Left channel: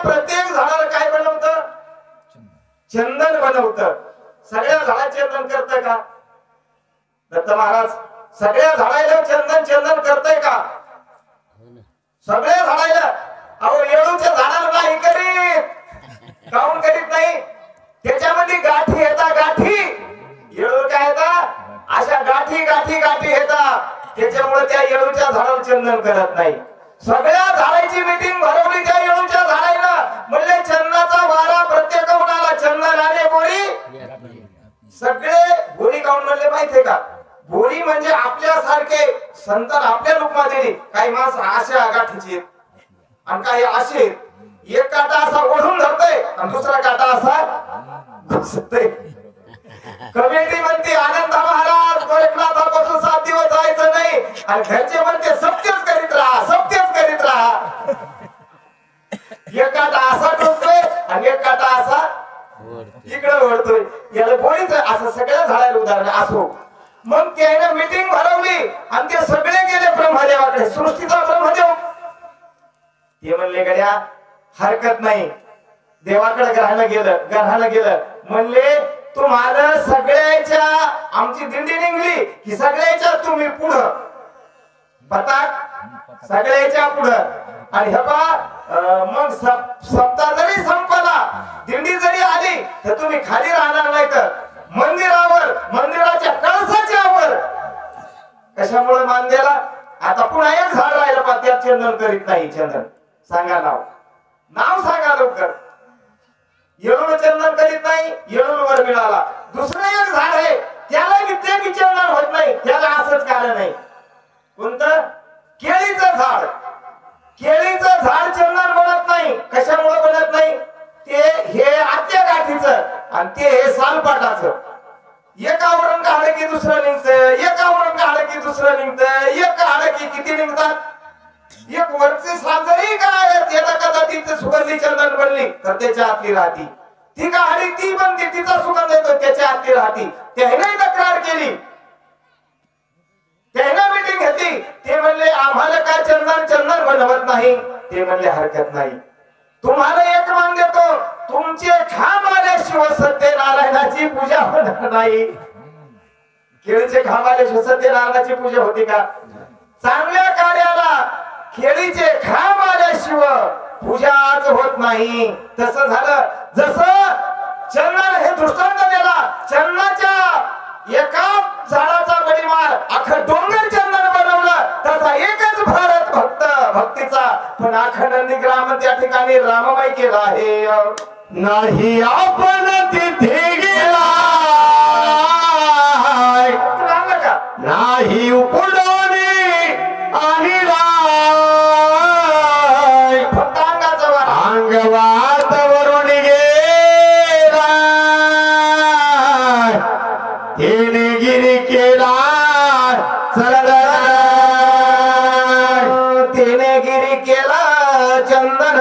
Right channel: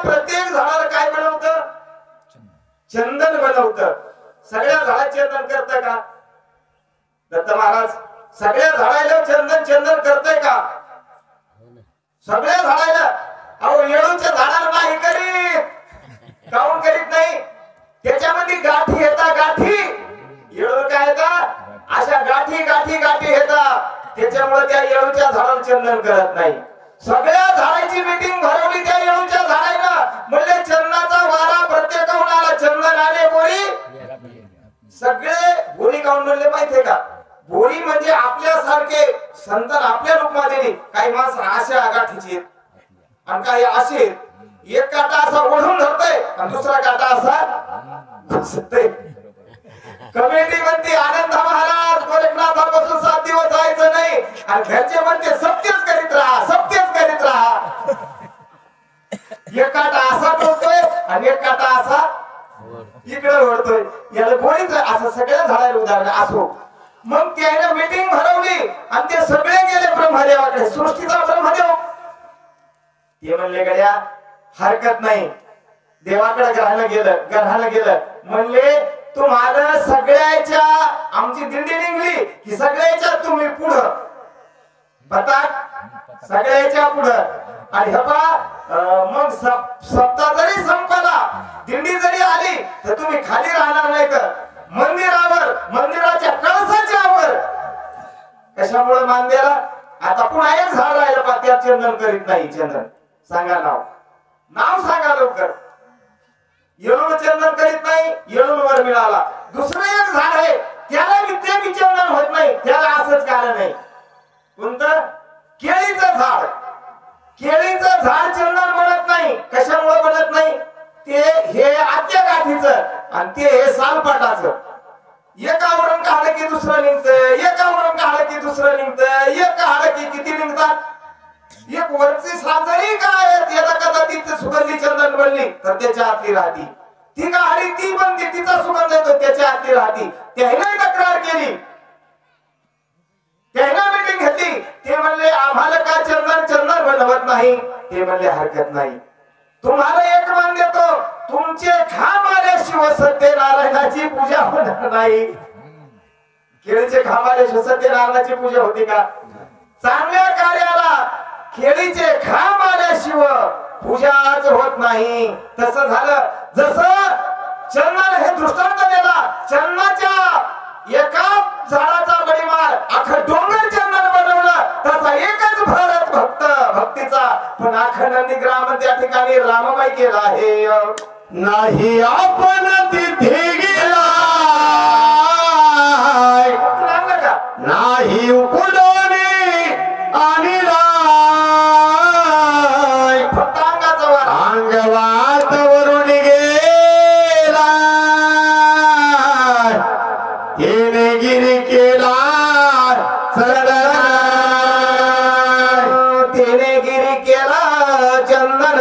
प्रत्येक झाडाला काय बनवतं? चंदन बनवतं. सगळ्या झाडाला चंदन करतं का दत्त महाराज? सगळ्या झाडाला चंदन करतंय का? सगळ्या झाडाला. अहो येळूच्या झाडाला नाही करीत. काऊन करीत नाही? त्याच्यामध्ये गाठी येतात. गाठी येळू काय येतात? अशा गाठी गाठी गाठी येतात. त्याच्यामुळे त्या येळूच्या झाडाला चंदन करत नाही. सगळ्या झाडाची मीटिंग भरवली त्या येळूच्या झाडाला. म्हणजे चंदनाचा वारा प्रत्येक उन्हाला चंदन आले बोळी. सगळे बोळी काऊन म्हणले माहितीये का? बोळी म्हणजे आपल्यासारखे संत आपल्या रूपामध्ये. काही माणसं अशा गाठीचे आणि काही असे. एक काटा असा ओढून धरतोय आणि दुसरा काटा असा घुसतोय. कमिटी म्हणते आनंद महाराज गोरखनाथापासून 7 दिवस जायचं नाही. आणि घरचे म्हणते सत्यच करीत राहा, सत्यच करीत राहा. एक काटा असा टोकतोय आणि एक काटा असा इकडे ओढतोय. याला बोळीच असं सगळ्या झाडाला उदाहरण असो. मग त्याने मीटिंग भरवली आणि ते सगळे गेले ब्रह्मदेवाकडे. सृष्टीचा ब्रह्मदेव ते म्हणले गड्या हरकत नाही. देवाकडे ग्रहाला गेलं म्हणले तुम्हाला सगळ्याच्या आमची दिंडी निघली की सगळ्याच्या तुम्ही पुढं बतात सगळ्याच्या पुढं. आणि हे पहा मग सप्ताह जरी संपला दिंडी जरी आली तर तुम्ही खाली राहणार नाही तर मंदिरावर मंदिराच्या कळसाच्या वर. कशामुळे मानदेला? आता पुन्हा एक झाड राहिलं पण त्यात चंदन करीत नाही. चंदन सांगा नाव सांगा लवकर. येळून चंदन करीत नाही. येळून वर मिळाला. दुसरं एक झाड आहे त्याला विद्ये चंदन होत नाही. त्याला असंच कारण नाही. कोणतं? केळीचं झाड. केळीचं झाड चंदन बनत नाही. कशामुळे बनत नाही? ते हे आत्या गाठीचं आणि ते हे सालपाटाचं. एकावरून काढलं की दुसरं निघतं. एकावरून काढलं की दुसरं निघतं. एक काढलं की किती निघतात? एक वरची साल जरी काय कदाचित सुगंधी चंदन बनली तर त्याच्या आतली राहती. ती काढली ती बनते तिचा सुगंध येतो त्याच्या आतली राहती. त्याने तक्रार केली. त्याने मीटिंग घेतली. ते म्हणले आम्हाला काय चंदन बनवत नाही. ते म्हणले हरकत नाही. तुम्हाला एक मान देतो. तुमचे खांब आल्याशिवाय सत्यनारायणाची पूजा होणार नाही. केळीचे खांब आल्याशिवाय सत्यनारायणाची पूजा होती का? चांगल्या कार्याला केळीचे खांब आल्याशिवाय पूजाच होत नाही. तसं झालं जसं चंदन हे दृष्टांत दिला. चंदनाच्या एका झाडाचा बळीमार अख्खं डोंगर चंदन बनवलं. तसा एकच भारत भक्तीचा. पण अख्खा नंदीग्राम त्या ठिकाणी राममाई केला आहे. नाही आपण तिथे गेला नाही उकडून आणला. फक्त अंगाचा वार अंगवातवरून गेला. तिने गिरी केला तिने गिरी केला चंदन.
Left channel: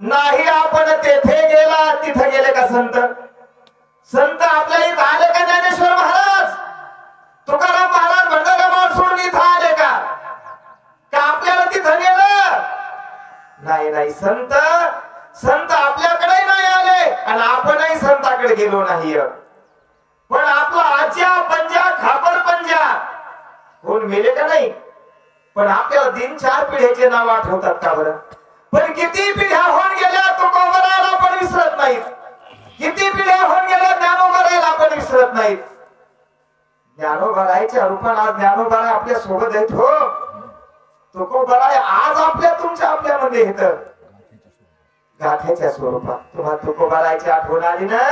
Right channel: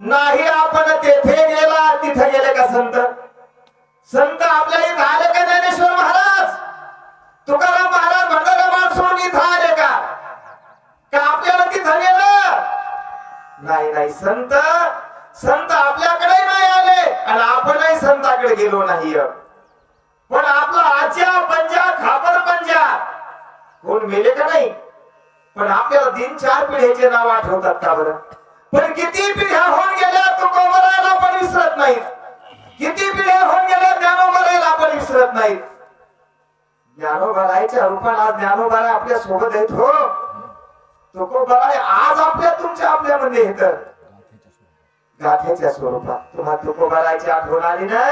नाही आपण तेथे गेला. तिथे गेले का संत आपल्या इथं आले का? ज्ञानेश्वर महाराज तुकाराम महाराज भंडारा सोडून इथं आले का? आपल्याला तिथं गेलं नाही. संत आपल्याकडे नाही आले आणि आपणही संताकडे गेलो नाही. पण आपला आज्या पंजा खापर पंजा कोण मेले का नाही? पण आपल्याला 3-4 पिढ्याचे नाव आठवतात का बरं? पण किती पिढ्या होऊन गेल्या तुकोबराला पण विसरत नाहीत. किती पिढ्या होऊन गेल्या ज्ञानोबराला पण विसरत नाहीत. ज्ञानोबराच्या रूपाने आज ज्ञानोबरा आपल्या सोबत आहेत. हो तुकोबरा आज आपल्या मध्ये येत गाथेच्या स्वरूपात. तुम्हाला तुकोबराची आठवण आली ना?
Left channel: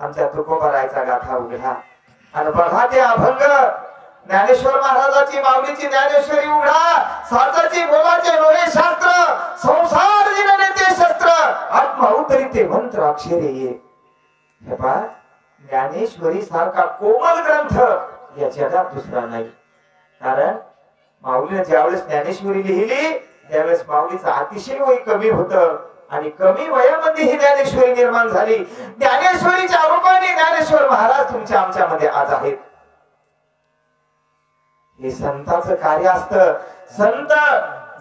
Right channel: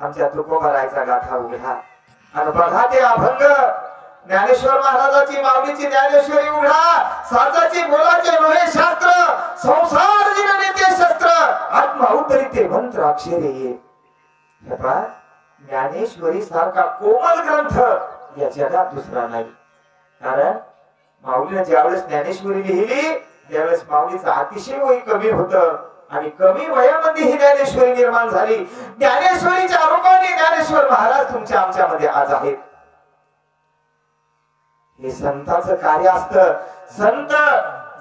आमच्या तुकोबराचा गाथा उघडा आणि बघा ते अभंग. ज्ञानेश्वर महाराजाची माऊलीची ज्ञानेश्वरी उघडा. साचाची बोलाचे लोहे शास्त्र संसार जिने ते शस्त्र आत्मावतरी ते मंत्र अक्षरे ये. हे पहा ज्ञानेश्वरी सारखा कोमल ग्रंथ या जगात दुसरा नाही. कारण माऊलीने ज्यावेळेस ज्ञानेश्वरी लिहिली त्यावेळेस माऊलीचं अतिशय वय कमी होतं आणि कमी वयामध्ये ही ज्ञानेश्वरी निर्माण झाली. ज्ञानेश्वरीच्या रूपाने ज्ञानेश्वर महाराज तुमच्या आमच्यामध्ये आज आहेत. हे संतांचं कार्य असतं. संत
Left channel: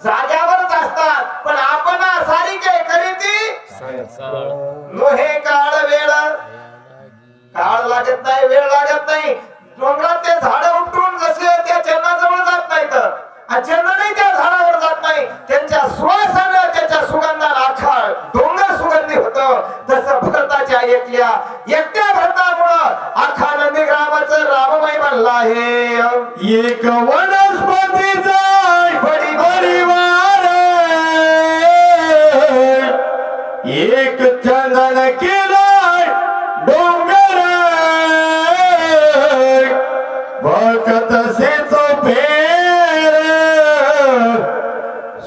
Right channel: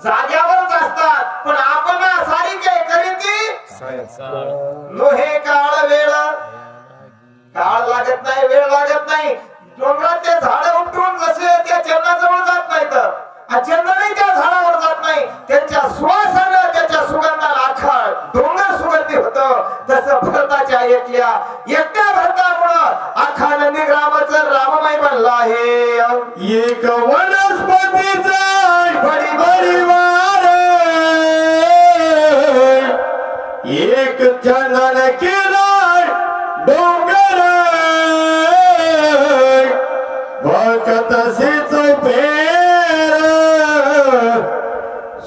जाग्यावरच असतात पण आपण सारी काय नोहे काळ वेळ, काळ लागत नाही, वेळ लागत नाही. डोंगरात ते झाड उपटून जसे त्या चंद्राजवळ जात नाहीत, चंद्रही त्या झाडावर जात नाही, त्यांच्या सुवासानं त्याच्या सुगंधाला अख्खा डोंगर सुगंधी होतो. तसं भरताच्या एकट्या भरतामुळं अख्खा नंदीग्रामाचं राममय बनलं आहे. एक वनस्पतीचा बडी बडी वार, एक चंदन केला डोंगर, भक्त सिच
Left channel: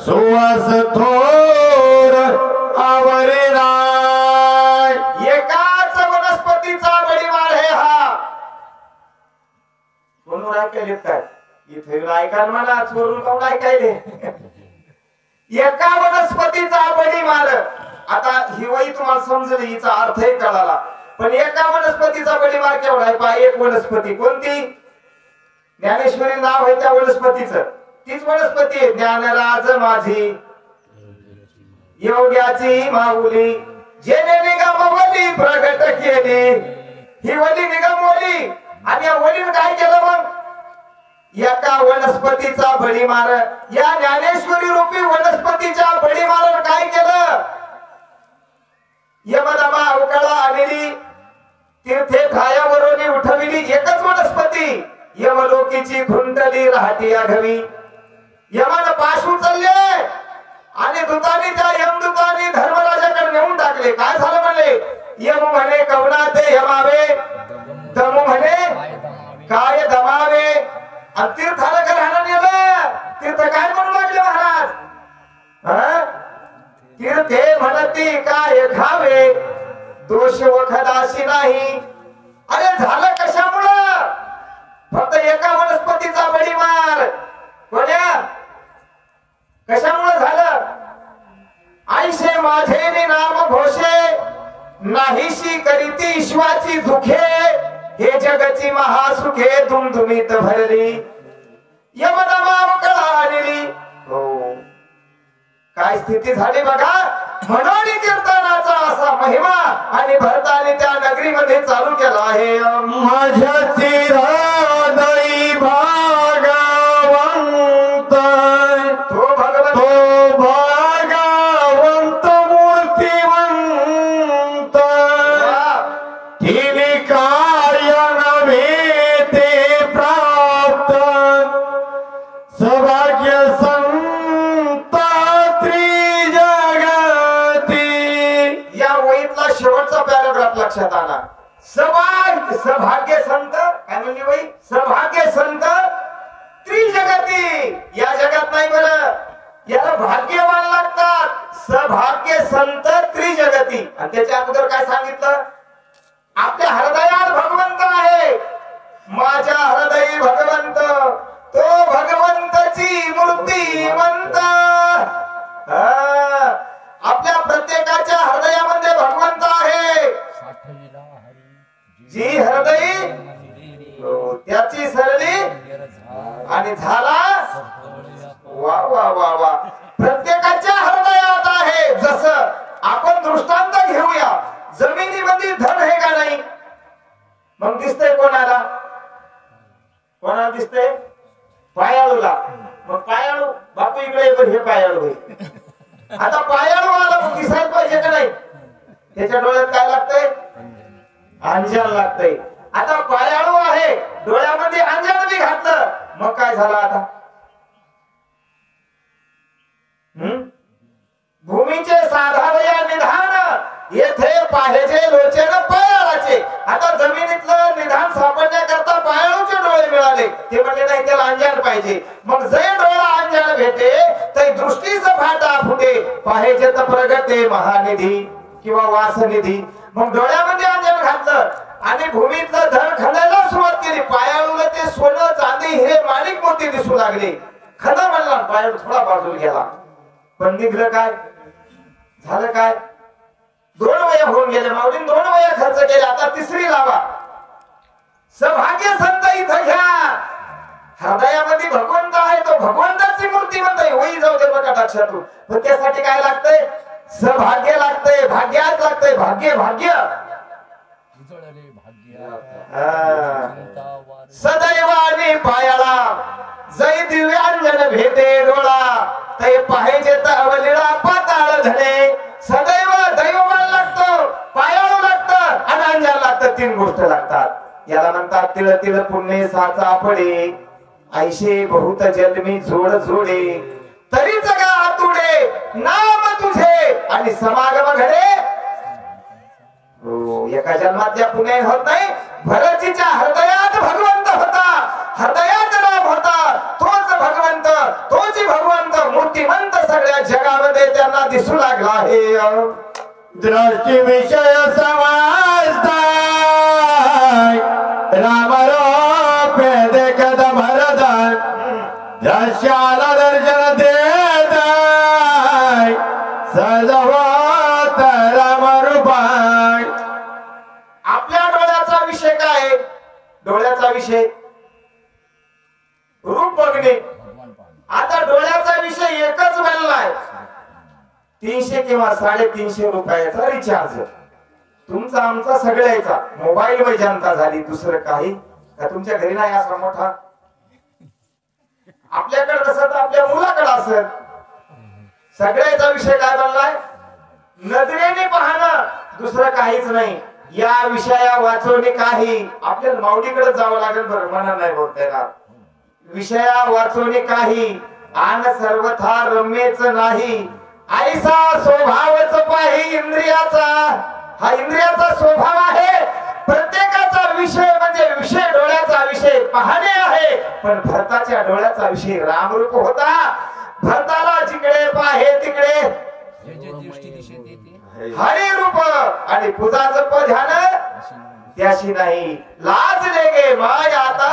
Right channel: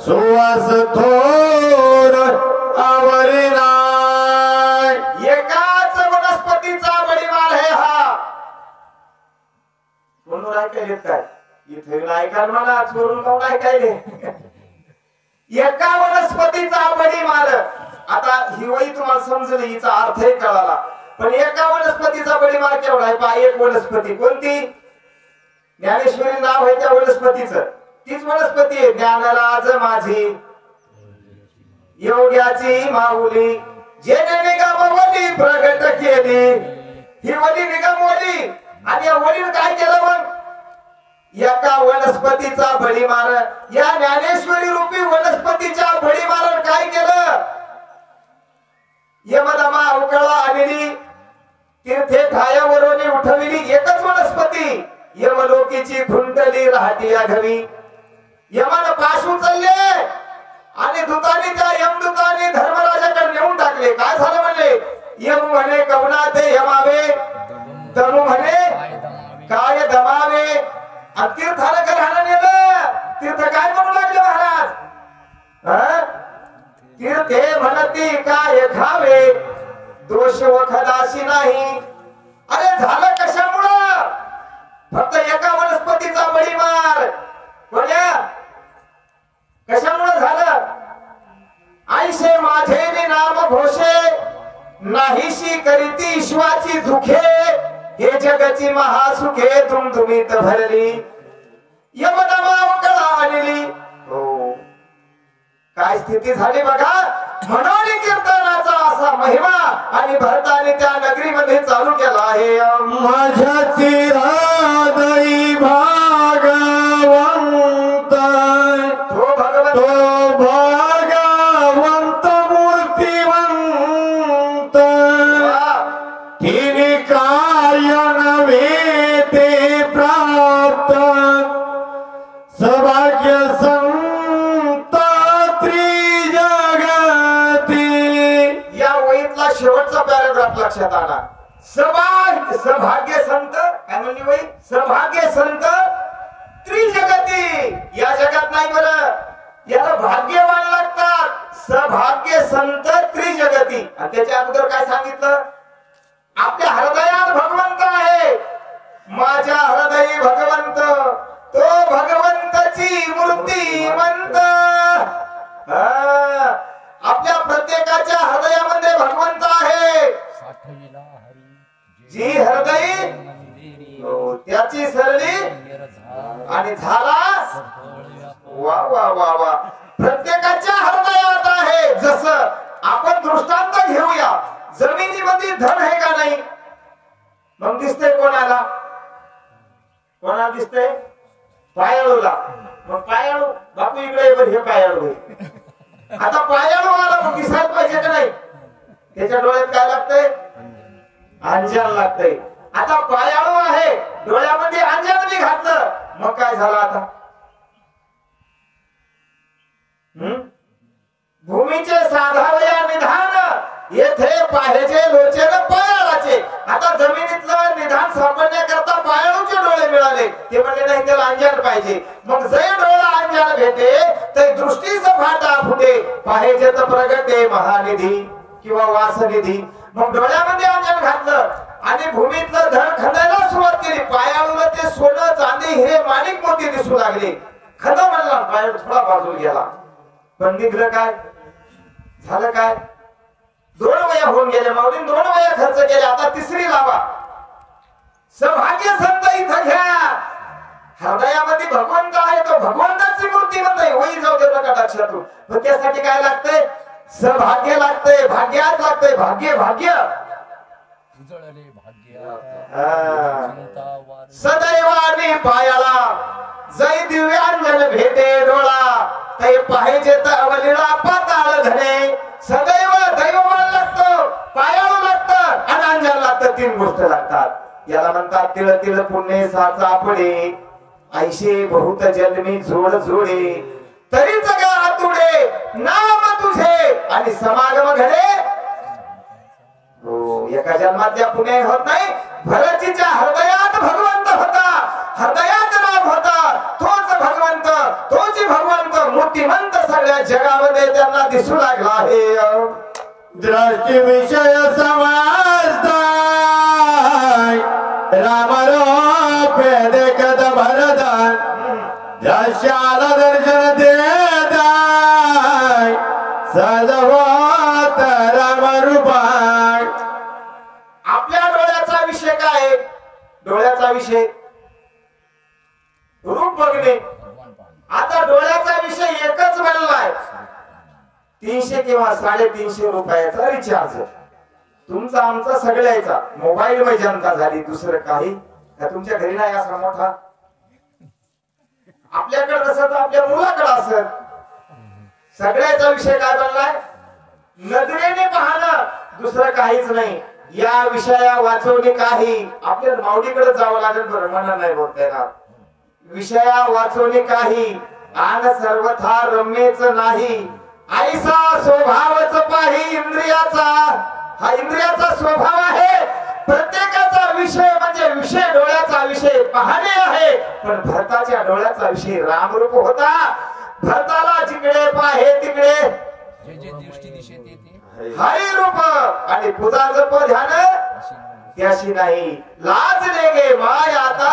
सुवास थोर आवरिला. एकाच वनस्पतीचा बडीवार आहे हा. कोण ऐकायले काय इथे ऐकाल मला चोरून कोण ऐकायले. एका वनस्पतीचा बडीवार. आता ही वही तुम्हाला समजली, हिचा अर्थही कळाला. पण एका वनस्पतीचा बडीवार केवढा आहे पहा. एक वनस्पती कोणती, ज्ञानेश्वरी नाव आहे त्या वनस्पतीचं. तीच वनस्पती आहे ज्ञानराज माझी योग्याची माऊली, जेने निगमवली प्रगट केली. ही वली निगमवली आणि या वलीनं काय केलं मग, एका वनस्पतीचा बळीमार, या ज्ञानेश्वरी रूपी वनस्पतीच्या बळीमार काय केलं, यमदमा अवकाळा आलेली, तीर्थे ठायावरून उठविली. एकच वनस्पती यमलोकीची खुंटली राहती आघवी. यमानं पाश उचलले आणि दूतांनी त्या यमदूतांनी धर्मराजाकडे नेऊन टाकले. काय झालं म्हणले, यम म्हणे कवना ते यमावे, दमू म्हणे काय दमावे. तीर्थाला काय राहणं नेलं, तीर्थ काय म्हणू लागले महाराज, तीर्थे म्हणती काय खावे, दोष वखदाशी नाही. अरे झालं कशामुळं, फक्त एका वनस्पतीचा बळीमार. कोण्या कशामुळे झालं, आईशे माझे नाम घोषे, नाहीशी करीती ईश्वाची दुखे, हे जगाची महासुखे दुमदुमीत भरली. यमदमा कळा आलेली. हो काय स्थिती झाली बघा. म्हणून कीर्तनाचा असा महिमा आणि भरताने त्या नगरीमध्ये चालू केला आहे. माझ्या चिरादई भागवंत, तो भगवंत, तो भागवंत मूर्तिवंत, तिने काय नव्हे ते प्राप्त, सौभाग्य संत त्रिजगती. या वहीतला शेवटचा पॅराग्राफ लक्षात आला. सौभाग्य संत काय म्हणली वही, सौभाग्य संत त्रिजगती. या जगात नाही बरं, याला भाग्यवान लागतात. सौभाग्य संत त्रिजगती. आणि त्याच्या अगोदर काय सांगितलं, आपल्या हृदयात भगवंत आहे. माझ्या हृदयी भगवंत, तो भगवंताची मूर्तिमंत. आपल्या प्रत्येकाच्या हृदयामध्ये भगवंत आहे. जी हृदयी त्याची सरली आणि झाला. वा वा वा वा. प्रत्येकाच्या हृदयात आहे. जसं आपण दृष्टांत घेऊया, जमिनीमध्ये धन आहे का नाही, मग दिसतंय कोणाला, कोणाला दिसतंय, पायाळूला. मग पायाळू बापू इकडे पण हे पायाळू आहे. आता पायाळू मला दिसायला पाहिजे का नाही, त्याच्या डोळ्यात काय लागतंय, अंजन लागतंय. आता पायाळू आहे, डोळ्यामध्ये अंजन बी घातलं, मग काय झालं आता, भूमीचे साधारे निधान येथे पाहायचे लोचन पायाळाचे. आता जमिनीतलं निधान सापडण्याकरता पायाळूचे डोळे मिळाले. ते म्हणले नाही, त्याला अंजन पाहिजे. मग जे डोळा अंजन भेटे ते दृष्टीचा फाटा फुटे, पाहायचे तर प्रगटे महानिधी किंवा वासनिधी. मग डोळ्यामध्ये अंजन घातलं आणि भूमीतलं धन खणायला सुरुवात केली. पायाळूला ते सोनं चांदी हिरे माणिक मोती दिसू लागले. खणा म्हणला, पायाळू थोडा बाजूला गेला. पण निघलं काय, झालं काय, 2 वया होऊन गेले. माऊलीने 2 वया खर्च केल्या, आता 3री लावा. सौभाग्य संत इथं घ्या. हृदयामध्ये भगवंत आहे, तो भगवंताची मूर्ती म्हणते. होई जाऊ दे बघा लक्षातून. पण त्यासाठी काय लागतंय, सभाग्य लागतंय, भाग्यात लागतंय, भाग्य भाग्य सदैवाने पायाला जय दिव्यांजन भेटे डोळा ते पाहिजे तर अवलीला पाताळ धणे सदैव दैवमान लागतो, पायाला लागतं आणि अंजाला लागतं. 3 गोष्ट लागतात. याला म्हणतात तिळ तिळ पुण्य साचा पडे ऐशे बहुत जन्मी जोड जोडे तरी जगा आतुडे नाम तुझे आणि समागम घडे. हो, एका जन्मातल्या पुण्य होत नाही. भरतीच्या हृदयात भगवंत होता, हृदयात राम होता, तोच भगवंत, तोच भगवंत मूर्तिमंत सगळ्या जगामध्ये त्यांना दिसू लागला आहे. दृष्टी विषय समजताय रामरूप देखत भरताय दशाला दर्शन देताय सदवत रामरूपाय. आपल्या डोळ्याचा विषय काय? डोळ्याचा विषय रूप बघणे. आता डोळ्याचा विषय एकच बनलाय, 300 किंवा 350 रुपयाचा रिचार्ज. तुमचा आमचा सगळ्याचा मोबाईल मध्ये जनता झाली. दुसरं काही का तुमच्या घरी नाही असा मोठा? आपल्याकडे कसं तर आपल्या मुलाकडे असत. सगळ्याचा विषय काय बनलाय? नजरेने पाहणं, दुसरं काहीच नाही. या विषया वाचवणे काही आपल्याला माऊलीकडे जावं लागेल. बरं मना नाही बोलता येणार. विषया वाचवणे काही आन सर्वथा रम्यच नाही ऐसा स्वभावच पाही इंद्रियाचा. हा इंद्रियाचा स्वभाव आहे. प्रत्येकाचा विषय म्हणजे विषय डोळ्याचा विषय पाहणे आहे. पण भरताच्या डोळ्याचा विषय रामरूप होता. भरताला जिकडे पाहे तिकडे हरी रूप आणि पूजा जप ध्यान त्याशी नाही. लाज लेगे माय आता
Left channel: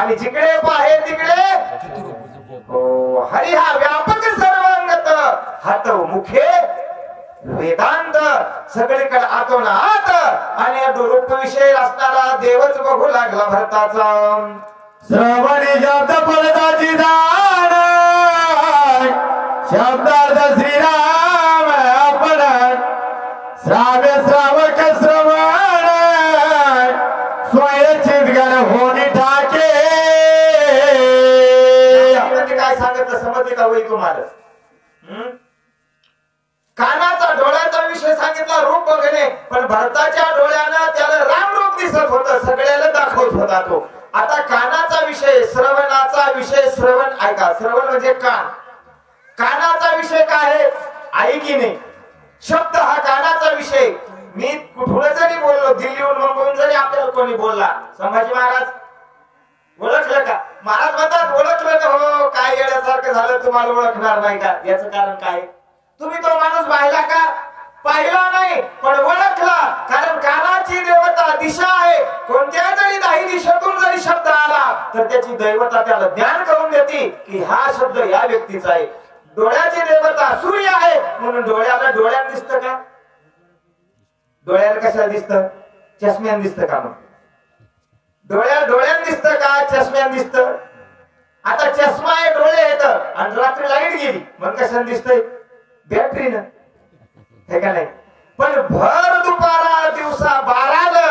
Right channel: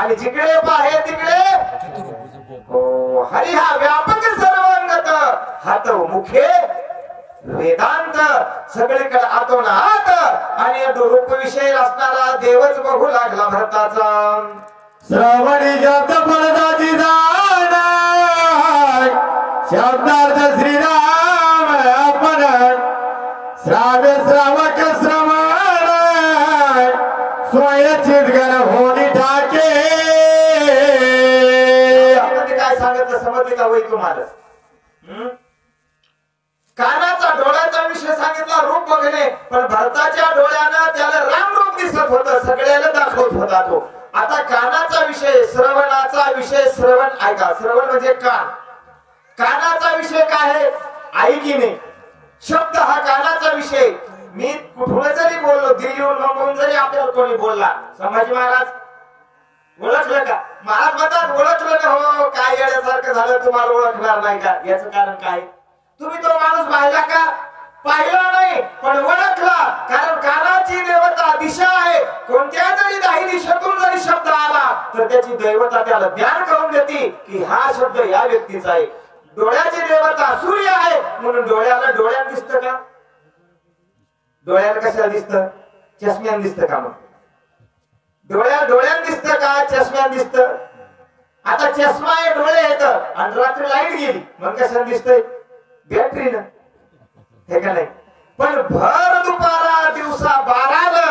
आणि जिकडे पाहे तिकडे हो हरी. हा व्यापक सर्वांगत हात मुखे वेदांत सगळीकडे आतोन आत आणि रूप विषय असणारा देवच बघू लागला भरताचा. श्रवणी शब्द फलदाची दान शब्दार्थ श्रीराम आपण श्राव्य श्रावक श्रवण स्वयंचित गण होणी टाके. काय सांगितलं समजते का वय तुम्हाला? कानाचा डोळ्याचा विषय सांगितला रूप बघणे. पण भरताच्या डोळ्यानं त्याला राम रूप दिसत होतं, सगळ्याला दाखवत होता तो. आता कानाचा विषय श्रवणाचा विषय श्रवण ऐका. श्रवण म्हणजे कान. कानाचा विषय काय आहे? ऐकिने. शब्द हा कानाचा विषय. मी कुठून जरी बोललो, दिल्लीहून मुंबईहून जरी आपल्याला कोणी बोलला, संभाजी महाराज ओळखलं का? महाराज म्हणतात ओळखलं ना. हो काय येण्यासारखं झालं, तुम्हाला ओळखणार नाही का? याचं कारण काय? तुम्ही तो माणूस पाहिला का? पाहिला नाही पण ओळखला. कारण कानाची देवता दिशा आहे. कोणत्या जरी 10 दिशेतून जरी शब्द आला तर त्याची दैवता त्याला ज्ञान करून देते की हा शब्द या व्यक्तीचा आहे. डोळ्याची देवता सूर्य आहे म्हणून डोळ्याला डोळ्यात दिसतं का? डोळ्याला कशाला दिसतं? चष्म्यान दिसतं का? मग डोळ्यात दिसतं का चष्म्यान दिसतं? आता चष्मा आहे, डोळे येत आणि रात्री लाईट गेली मग कशाला दिसतंय? बॅटरीनं, हे का नाही? पण भर दुपारा दिवसा 12ला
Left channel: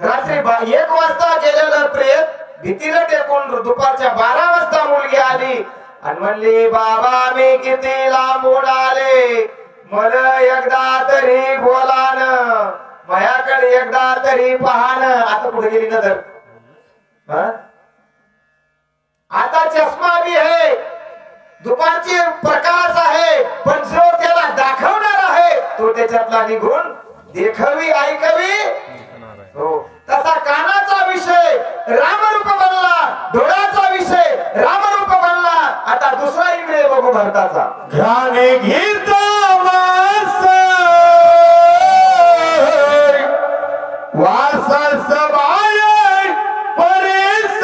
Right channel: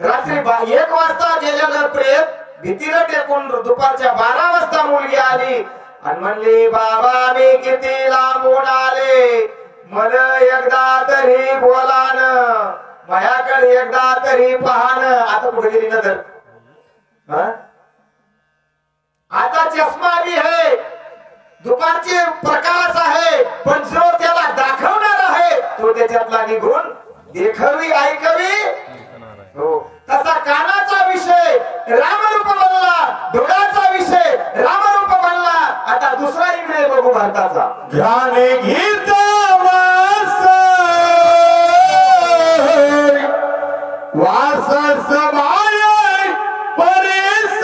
रात्री 1 वाजता गेलेलं प्रेत भीतीला टेकून दुपारच्या 12 वाजता मुलगी आली आणि म्हणली बाबा मी किती लांबून आले, मला एकदा तरी बोलान, माझ्याकडे एकदा तरी पाहान. आता कुठे गेली नजर? आता चष्मा बी आहे, दुपारचे प्रकाश आहे, पण जो त्याला दाखवणार आहे तो त्याच्यातला निघून देखवी ऐकवी. हो तसा कानाचा विषय रामरूप बनला, डोळ्याचा विषय रामरूप बनला. आता दुसरा इंद्रिय बघू भारताचा. ध्याने गीत वास समाय परिस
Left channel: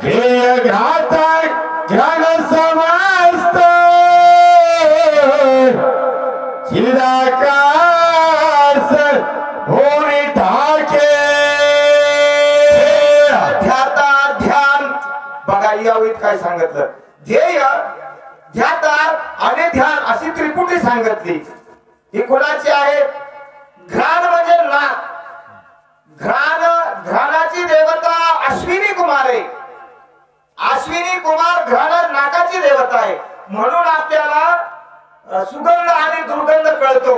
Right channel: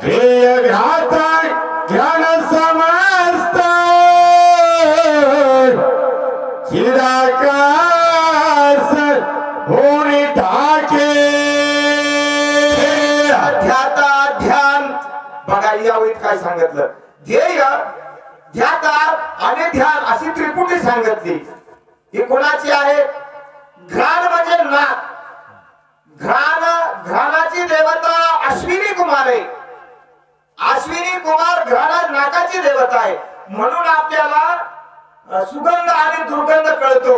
ध्येय घाता ज्ञान समस्त चिराकाश होणी ठाके. ध्याता ध्यान बघा यावेळी काय सांगितलं? ध्येय, ध्याता आणि ध्यान अशी त्रिपुटी सांगितली. ही कोणाची आहे? घ्राण म्हणजे नाक. घ्राणाची देवता अश्विनी कुमार आहे. अश्विनी कुमार घ्राण नाकाची देवता आहे. म्हणून आपल्याला सुगंध आणि दुर्गंध कळतो.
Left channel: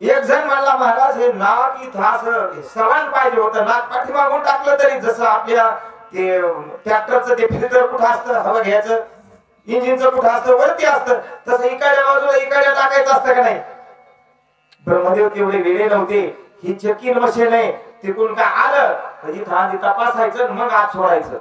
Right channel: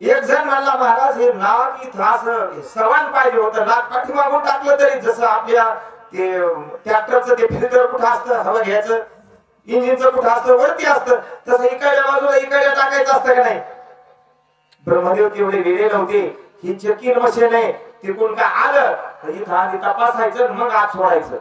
एक जण म्हणला महाराज हे नाक इथं असं सवान पाहिजे होतं. नाक पाठीमागून टाकलं तरी जसं आपल्या ते ट्रॅक्टरचं ते फिल्टर कुठं असतं हवा घ्यायचं, इंजिनचं कुठं असतं वरती असतं, तसं इकडल्या बाजूला इकडे टाकायचं असतं का नाही. ब्रह्मदेव तेवढे वेळे नव्हते. ही चेकिंग मशीन आहे. तिकडून काय आलं इथं आधी तपासायचं मग आत सोडायचं.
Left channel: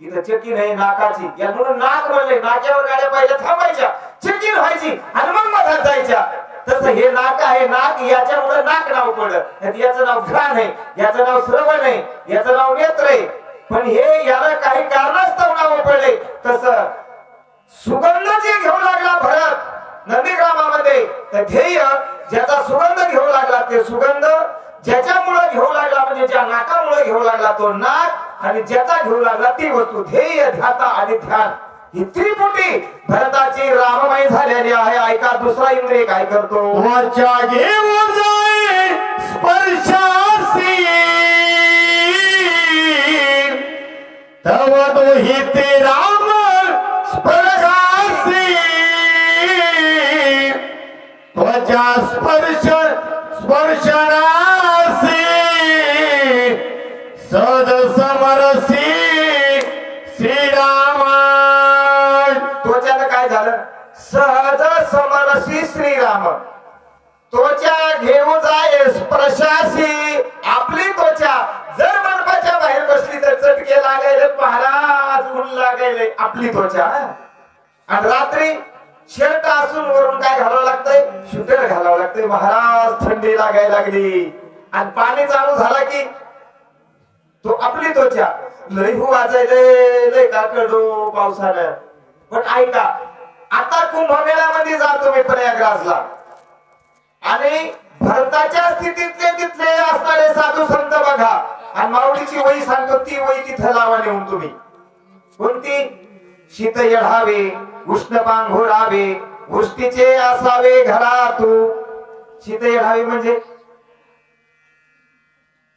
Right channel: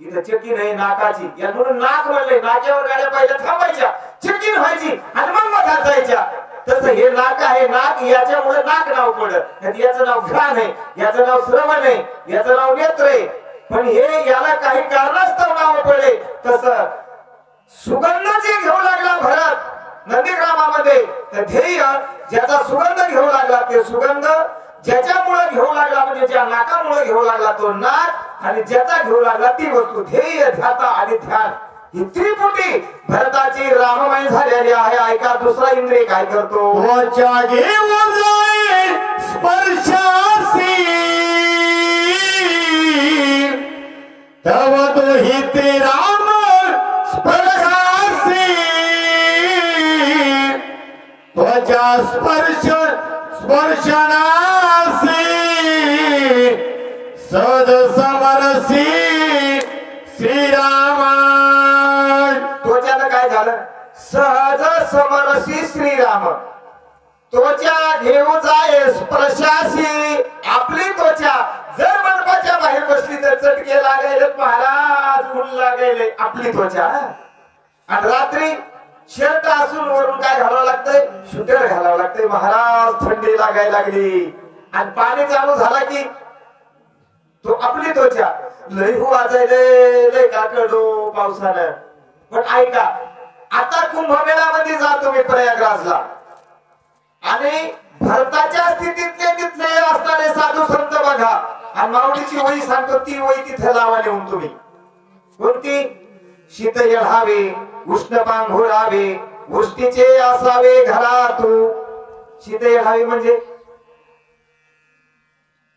इथं चेकिंग आहे नाकाची. या म्हणून नाक म्हणले. नाक्यावर गाड्या पहिल्या थांबायच्या, चेकिंग व्हायची आणि मग मधात जायच्या. तसं हे नाक आहे. नाक याच्यामुळे नाक नाव पडलं. याचं नाव घ्राण आहे, याचं नाव श्रवण आहे, याचं नाव नेत्र आहे. पण हे याला काही कारणास्तव नाव पडले. तसं सुगंध जे घेऊ लागला भरत नंदीग्रामामध्ये, तर ध्येय ज्याचा सुगंध घेऊ लागला ते सुगंध, ज्याच्यामुळे घेऊ लागला म्हणजे ज्या नाकामुळे घेऊ लागला तो नाक, आणि ज्याचा घेऊ लागला ती वस्तू. ध्येय, ध्याता आणि ध्यान ही त्रिपुटी भरताची राममय झालेली आहे. ऐका दुसरा इंद्रिय काय करतो? वाचा घेऊन जाईल स्पर्शासी तव तो ही ते राम स्पर्शासी त्वचा स्पर्शनासी सद समरसी श्रीराम. त्वचाला काय झालं? सहज समरसी श्रीराम. त्वचा घेऊ जाय स्पर्शासी. आपली त्वचा जर मंडपाच्या बाहेर बसली तर चटके लागायले महाराज, ऊन लागायले आपली त्वचा. आणि रात्री शर्ट असून वरून काय घालावं लागतंय? शूटर घालावं लागतंय महाराज. थंडी लागायला लागली आणि पाणी चालू झाला की तो आपली त्वचा लय वाजायले, लय काकडो पावसानं. पण ऐका, आता कुंभमेळ्यामध्ये जातो मी प्रयागराजला आणि भरताच्या स्थितीतले तिथले असणारे साधू संत बघा. आणि माऊलीची वही सांगतो, ती वही तिथं लावा नेऊन तुम्ही. कोणती? शीत येढावे, उष्ण पांघोरावे, उष्टीचे असावे घरातू. शीत येढावे म्हणजे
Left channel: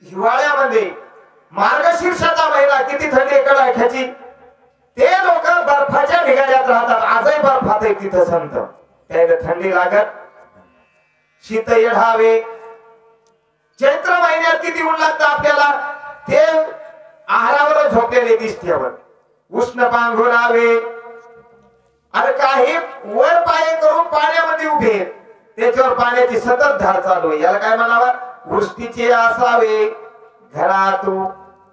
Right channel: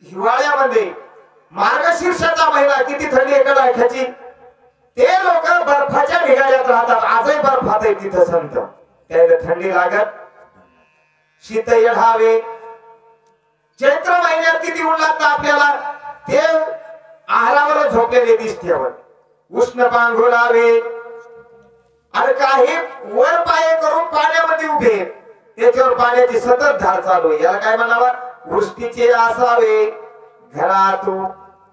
हिवाळ्यामध्ये मार्गशीर्षाचा महिना किती थंडी कडाक्याची, ते लोक बर्फाच्या ढिगाऱ्यात राहतात. आजही बर्फात आहे तिथं संत. त्याला थंडी लागत. शीत येढावे. चैत्र महिन्यात किती ऊन लागतं आपल्याला, ते आहारावर झोपलेले दिसतेवर. उष्ण पांघोरावे. अरे काही वर पाय करून पाण्यामध्ये उभे, त्याच्यावर पाण्याची सतत धार चालू आहे. याला काय म्हणावा? वृष्टीचे असावे घरातू.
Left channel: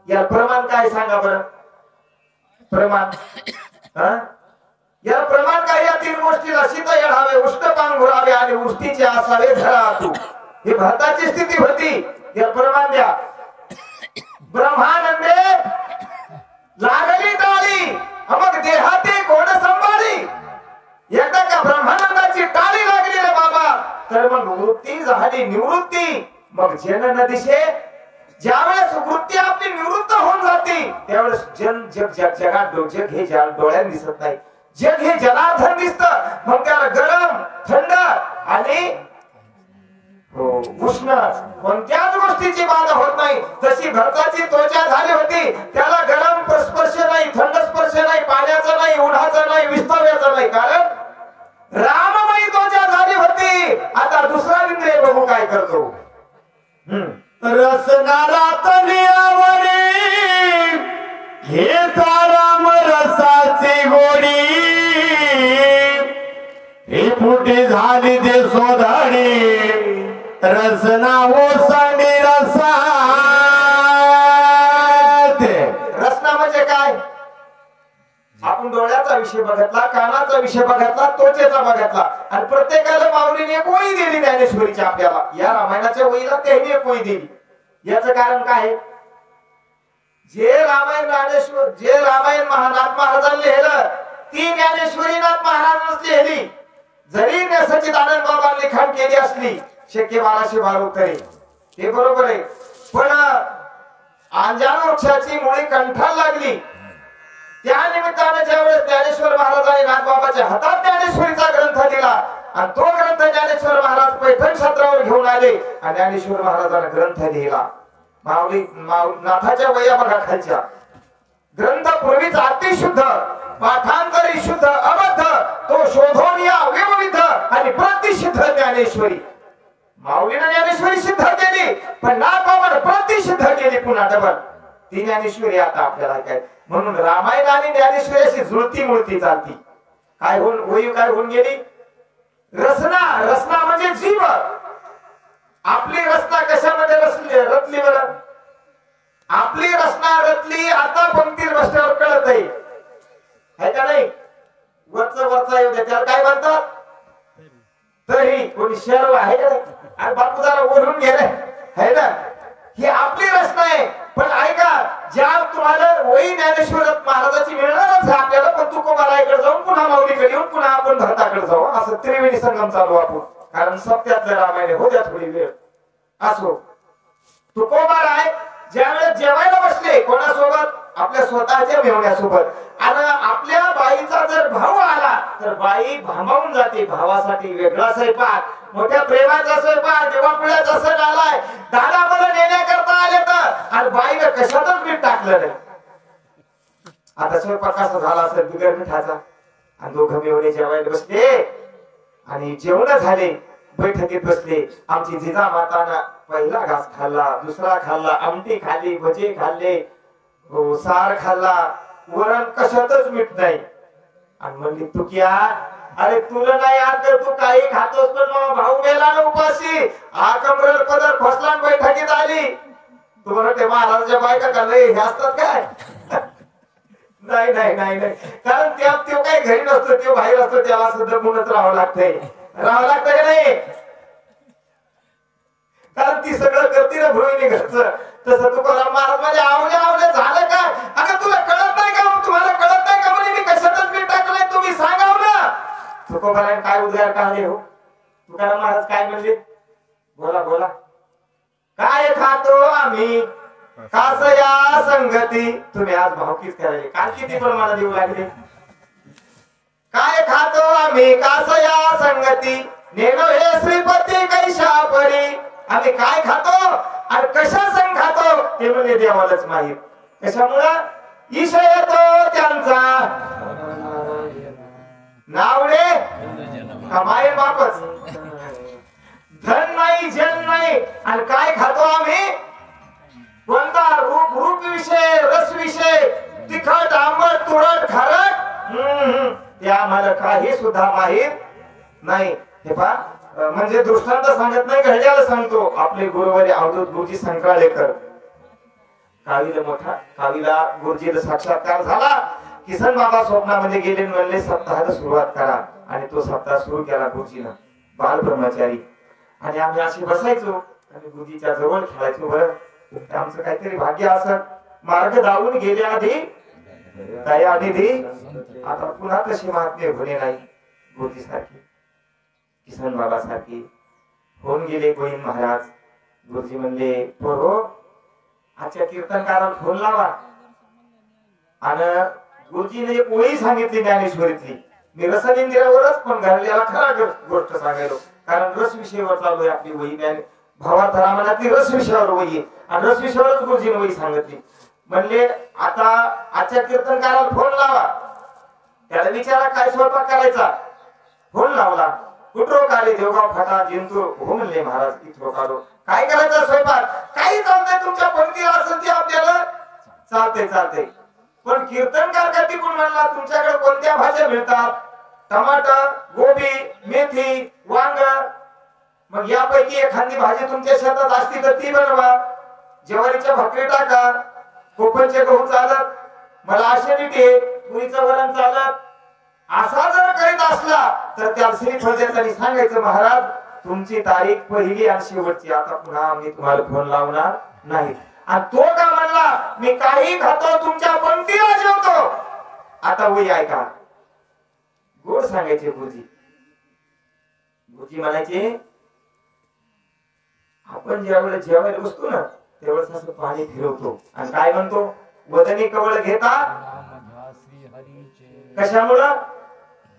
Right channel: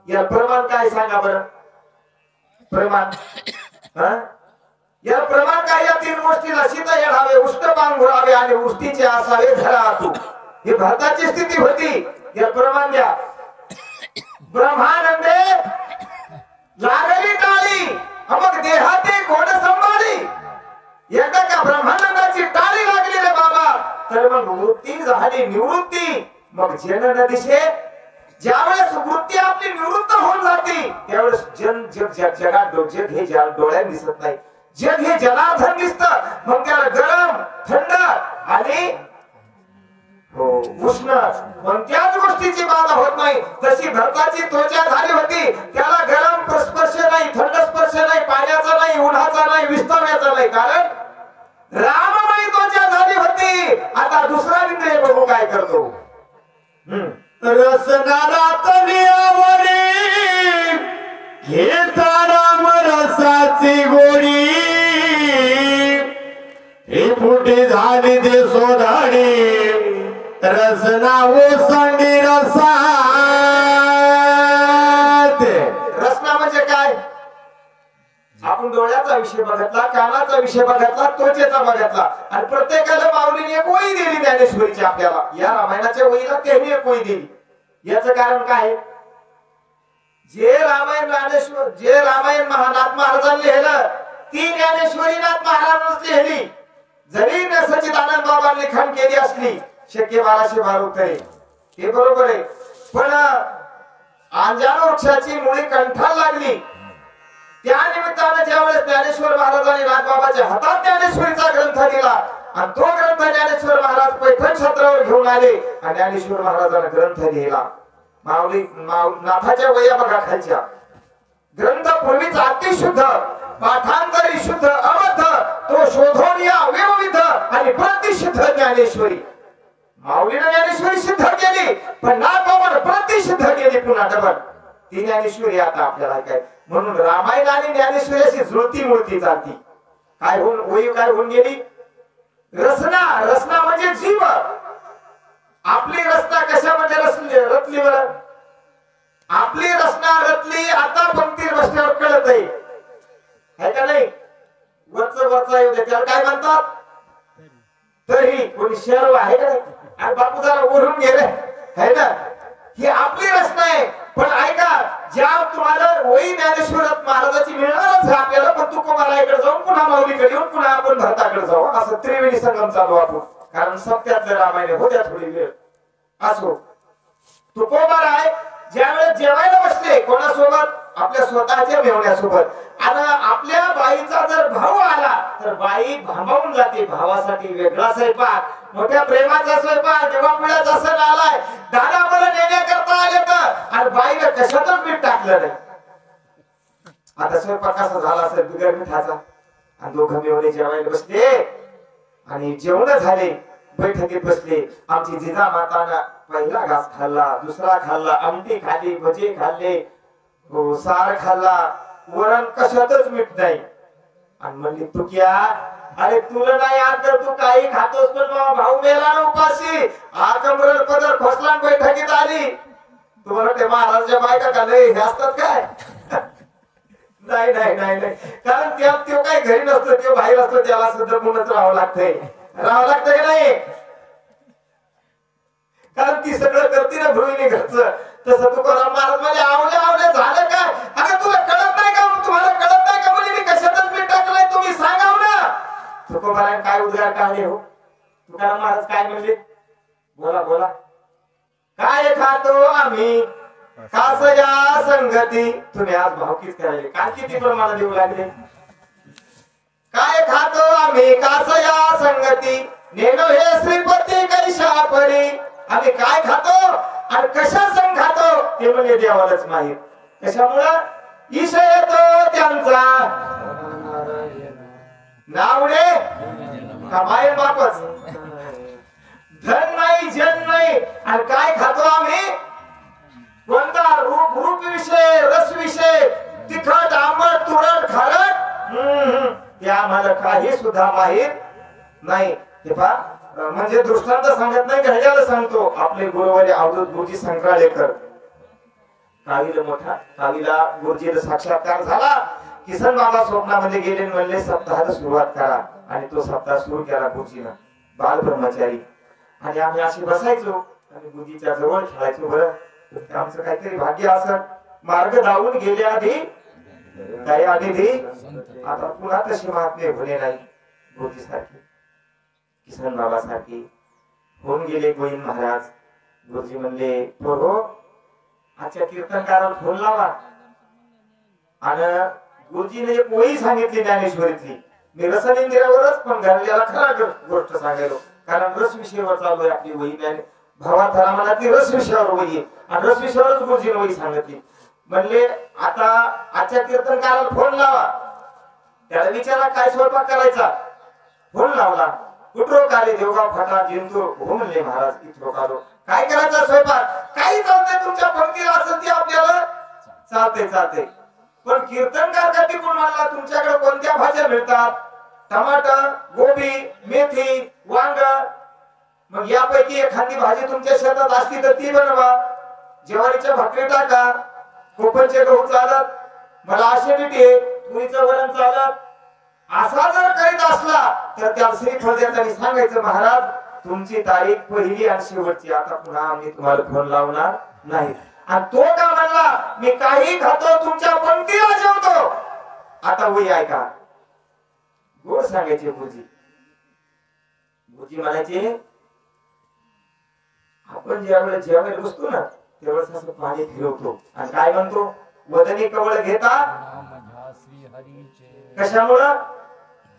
या प्रमाण काय सांगा बरं? प्रमाण या प्रमाण काय? या तीन गोष्टीला शीत येढावे, उष्ण पांघोरावे आणि वृष्टीचे असावे घरातू. ही भरताची स्थिती होती. या प्रमाण द्या. ब्रह्मानंदे लागली टाळी मग देहाती कोण सांभाळी. एकदा का ब्रह्मानंदाची टाळी लागली रे बाबा, तर मग वृत्ती झाली निवृत्ती. मग जन दिशे ज्यावेळेस वृत्ती आपली निवृत्त होऊन जाते त्यावेळेस जगात जग हे डोळ्यात दिसत नाही. जग हे जनार्दन दिसत. मग त्याला गरम, थंड आणि उष्ण कोणत्याच गोष्टीची बाधा होत नाही. तशी भरताची त्वचा झाली होती. त्याला गरम स्पर्श नाही, थंड स्पर्श नाही, पाण्याचा नाही, उन्हाचा नाही, विस्तव्याचा नाही. कारण राममयी त्वचा झाली होती. आता दुसरा इंद्रिय बघू काय करतो. रसनारातलियावरी घेता राम रसाची गोडी ही फुटी झाली दे सोधाडी रसना ओसंडी रसा. रसना म्हणजे काय? आपण डोळ्याचा विषय बघितला, कानाचा विषय बघितला, त्वचेचा बघितला आणि प्रत्येकाला माऊलीने एक वही दिली ज्ञानेश्वरीची. आपल्याला या रामायणाच्या वहीला त्यांनी एक वही दिली. याचं कारण काय? जे रामायण नाथ महाराजांनी लिहिलं ती ज्ञानेश्वरी नाथ महाराजांनी लिहिली. जरी सच्चिदानंद बाबांनी लिखाण केली असली शक्य 1212 तरी हे बरोबर आहे. पण अंजान वृक्षाची मुळी कंठाला लागली त्या निमित्तानं ज्यावेळेस ज्ञानेश्वर महाराजांनी नाथबाबाच्या हातात ज्ञानेश्वरीचा ग्रंथ दिला आणि तो ग्रंथ ज्ञानेश्वर महाराज पैठण क्षेत्रावर घेऊन आले आणि ज्ञानेश्वर महाराजांना ग्रंथ लिहिला. माऊली नाथाच्या वया बघा खालच्या. ग्रंथ पूर्वीच अतिशुद्ध, पाठांतरी शुद्ध अबद्ध, तो शोधून या विविध आणि प्रतिसिद्ध ज्ञानेश्वरी. माऊलीने ज्ञानेश्वरी सिद्ध केली, पण नाथबाबाने प्रतिसिद्ध केली पुन्हा डबल. ती ज्ञानेश्वरी आता आपल्याला काय म्हणून रामायण आणि ज्ञानेश्वरी अशी जुळती मुळती चालती. काय होऊन वही काय होऊन गेली? रचना. रचना म्हणजे जीव. आपली रचना कशामध्ये रचली बरं? आपली रचना रचली आता पंक्ती रचण्यावर कळत आहे का नाही? वरच येऊ दे त्याला काय म्हणतात? तरी कोणी शहर आहे का नाही? आणि बापू जरा ओढून गेले है ना. ही आपली रचना आहे. पण ऐका, ज्या तुम्हाला वही ज्ञानेश्वर महाराजाची मिळणारच आहे आपल्याला, पण तुकोबाराकडे जाऊन पुन्हा माऊलीकडे येऊन पुन्हा आपण भरताकडे जाऊ, असं त्रिवेणी संगम चालू आपण. कारण सप्त्यातले रामायण होत्या थोडी वेळ असो. तुकोबाराय ज्यावेळेस जेवायला बसले कोणासोबत? आपल्या स्वतःच्या मेवण्यासोबत. आणि आपल्या बाईचा जर भाऊ आला तर बाई भांबावून जाते. भावासाठी वेगळा स्वयंपाक, मोठ्या प्रेमाचा स्वयंपाक. जेव्हा पुण्याचा सण आलाय, दादा मला नेण्याकरता आले तर आणि बाईने कशातच मीठ टाकलं नाही. आता स्वयंपाक कसा झाला असेल बिगर मिठाचा. आणि दोघं मेवणे जेवायला बसले आणि जेवण झाले, बैठकीत बसले. आमची जिजा माताना पहिला घास खाल्ला, दुसरा खाल्ला, आमटी खाल्ली, भजे खाल्ले, सार खाल्ला, वरण कशातच मीठ नाही. आणि म्हणली तुक्या, अरे तुला नाही आता तू काही खातोस, पण भाऊ मेला ना उपाशी. हा कमरेवर पदर खोसला बैठकीत आली. तुम्हाला ते महाराजाच्या बायका का लय हे असतात काय? नाही नाही नाही नाही. कारण त्या तो काही घरी नसतो, तो बाहेर असतो, त्याला सुद्धा म्हणत राहावं लागतंय. राहावं लागतंय का नाही? कारण ती सगळं करते ना भोईनी घरचं. तसं तुकाराम महाराज म्हणजे आवले आवले झालं काय? अगं तुला कळत नाही का? तुम्हाला कळत नाही का? म्हणजे मी कशातच मीठ टाकलंय, तुम्ही सांगा ना. तुकोबारायन काय उद्गार काढले हो? तुकाराम महाराज काय म्हणले? बोला बोला. काय खातो आम्ही कासया संगती. तुम्ही आज भावकीच करायले, काल किती प्रमाणात देऊ लागले. काय खातो आम्ही कासया संगती, नेनो हे श्रीपती कैशा परी. आम्ही काय खातो आणि कशा संग खातो ते म्हणजे देवालाच माहित. कशामुळं? ईश येतो त्यांचा नावडे कमाई बापच. धन नाही जन नाही. आणि काय खातो आम्ही? कोणता? रूप विषय, रस विषय, तिखट आंबट तुरट खारट, ते आम्हाला काही सुद्धा माहित नाही. हे पहा, म्हणजे दृष्टांत सांगत नाही, घड्याला सांगतो. आपले गुरुवारी अवधूत गुरुजी संक्राळेकर, कावीला मोठा, कावीला गुरुजीला साक्षात्कार झाला. किसन बाबा स्वप्नामध्ये गेले, म्हणले सप्ताहाला सुरुवात करा. आणि तो सप्ताह सुरू केला गुरुजीनं, बाल ब्रह्मचारी. आणि आम्ही अशी बसायचो आणि गुरुजीच्या जवळ खेळायचो. बरं, आमचं काहीतरी भाग्य असं. मार्ग धावून गेले आधी दयानिधी, आता पुन्हा तशी महात्मे होणे नाही. गुरुजी सारखी, किसन बाबा सारखी होऊन गेले गोविंद महाराज. गुरुजी म्हणले, पोरो आजच्या कीर्तनकाराला फोन लावा. आणि गुरुजीने एक वही सांगितली ज्ञानेश्वरीतली. मी रसनिंदिरावरच पण घडलेला खरा गोष्ट सांगायलो, कारण रस विषयावर चालू आहे आपली वही. भावात रामानातली रस विषयावर वही, आणि रस विषयावरच गुरुजीने वही सांगितली. म्हणले आता आजच्या कीर्तनकाराला फोन लावा, त्याला विचारा काय स्वयंपाक करायचा. फोन लावला. कुठरो काले देवगाव फाटा जिंतूर. हो म्हणले महाराज, इथरो कालो. काय करायचा स्वयंपाक? काही चालतंय, तुमच्या पंक्तीला असेल ते आपल्याला चालते चालते. पण कीर्तनकार का टिकून म्हणला, तुमच्याकडे कोणत्या भाज्या मिळतात? टमाटर, गोबी, मेथी, वांग. मग यापैकी एखादी भाजी तुमच्या शेतात असती तर ती बनवा. ज्वारीच्या भाकरी टाका. कोकणचे गहू चालत, मला ऍसिडिटी, तुरीचं वरण चालत. असा जर करीत असला तर त्या श्रीफळ द्यायचं, सांगायचं महाराज तुमची तारीख पहिली आणि शेवटची, आता पुन्हा आम्ही तुम्हाला फोन लावणार नाही. आणि तो का म्हणला, मी काही खातो, तुमच्या पंक्तीला जेवतो. आता वही ऐका, गोड सांगायचे गुरुजी. गुरुजी म्हणायचे, आपण ज्यावेळेस जेवायला बसतो ना त्यावेळेस असं पाणी फिरवतो आणि काय म्हणतो, वदनी कवळ घेता कशामुळं?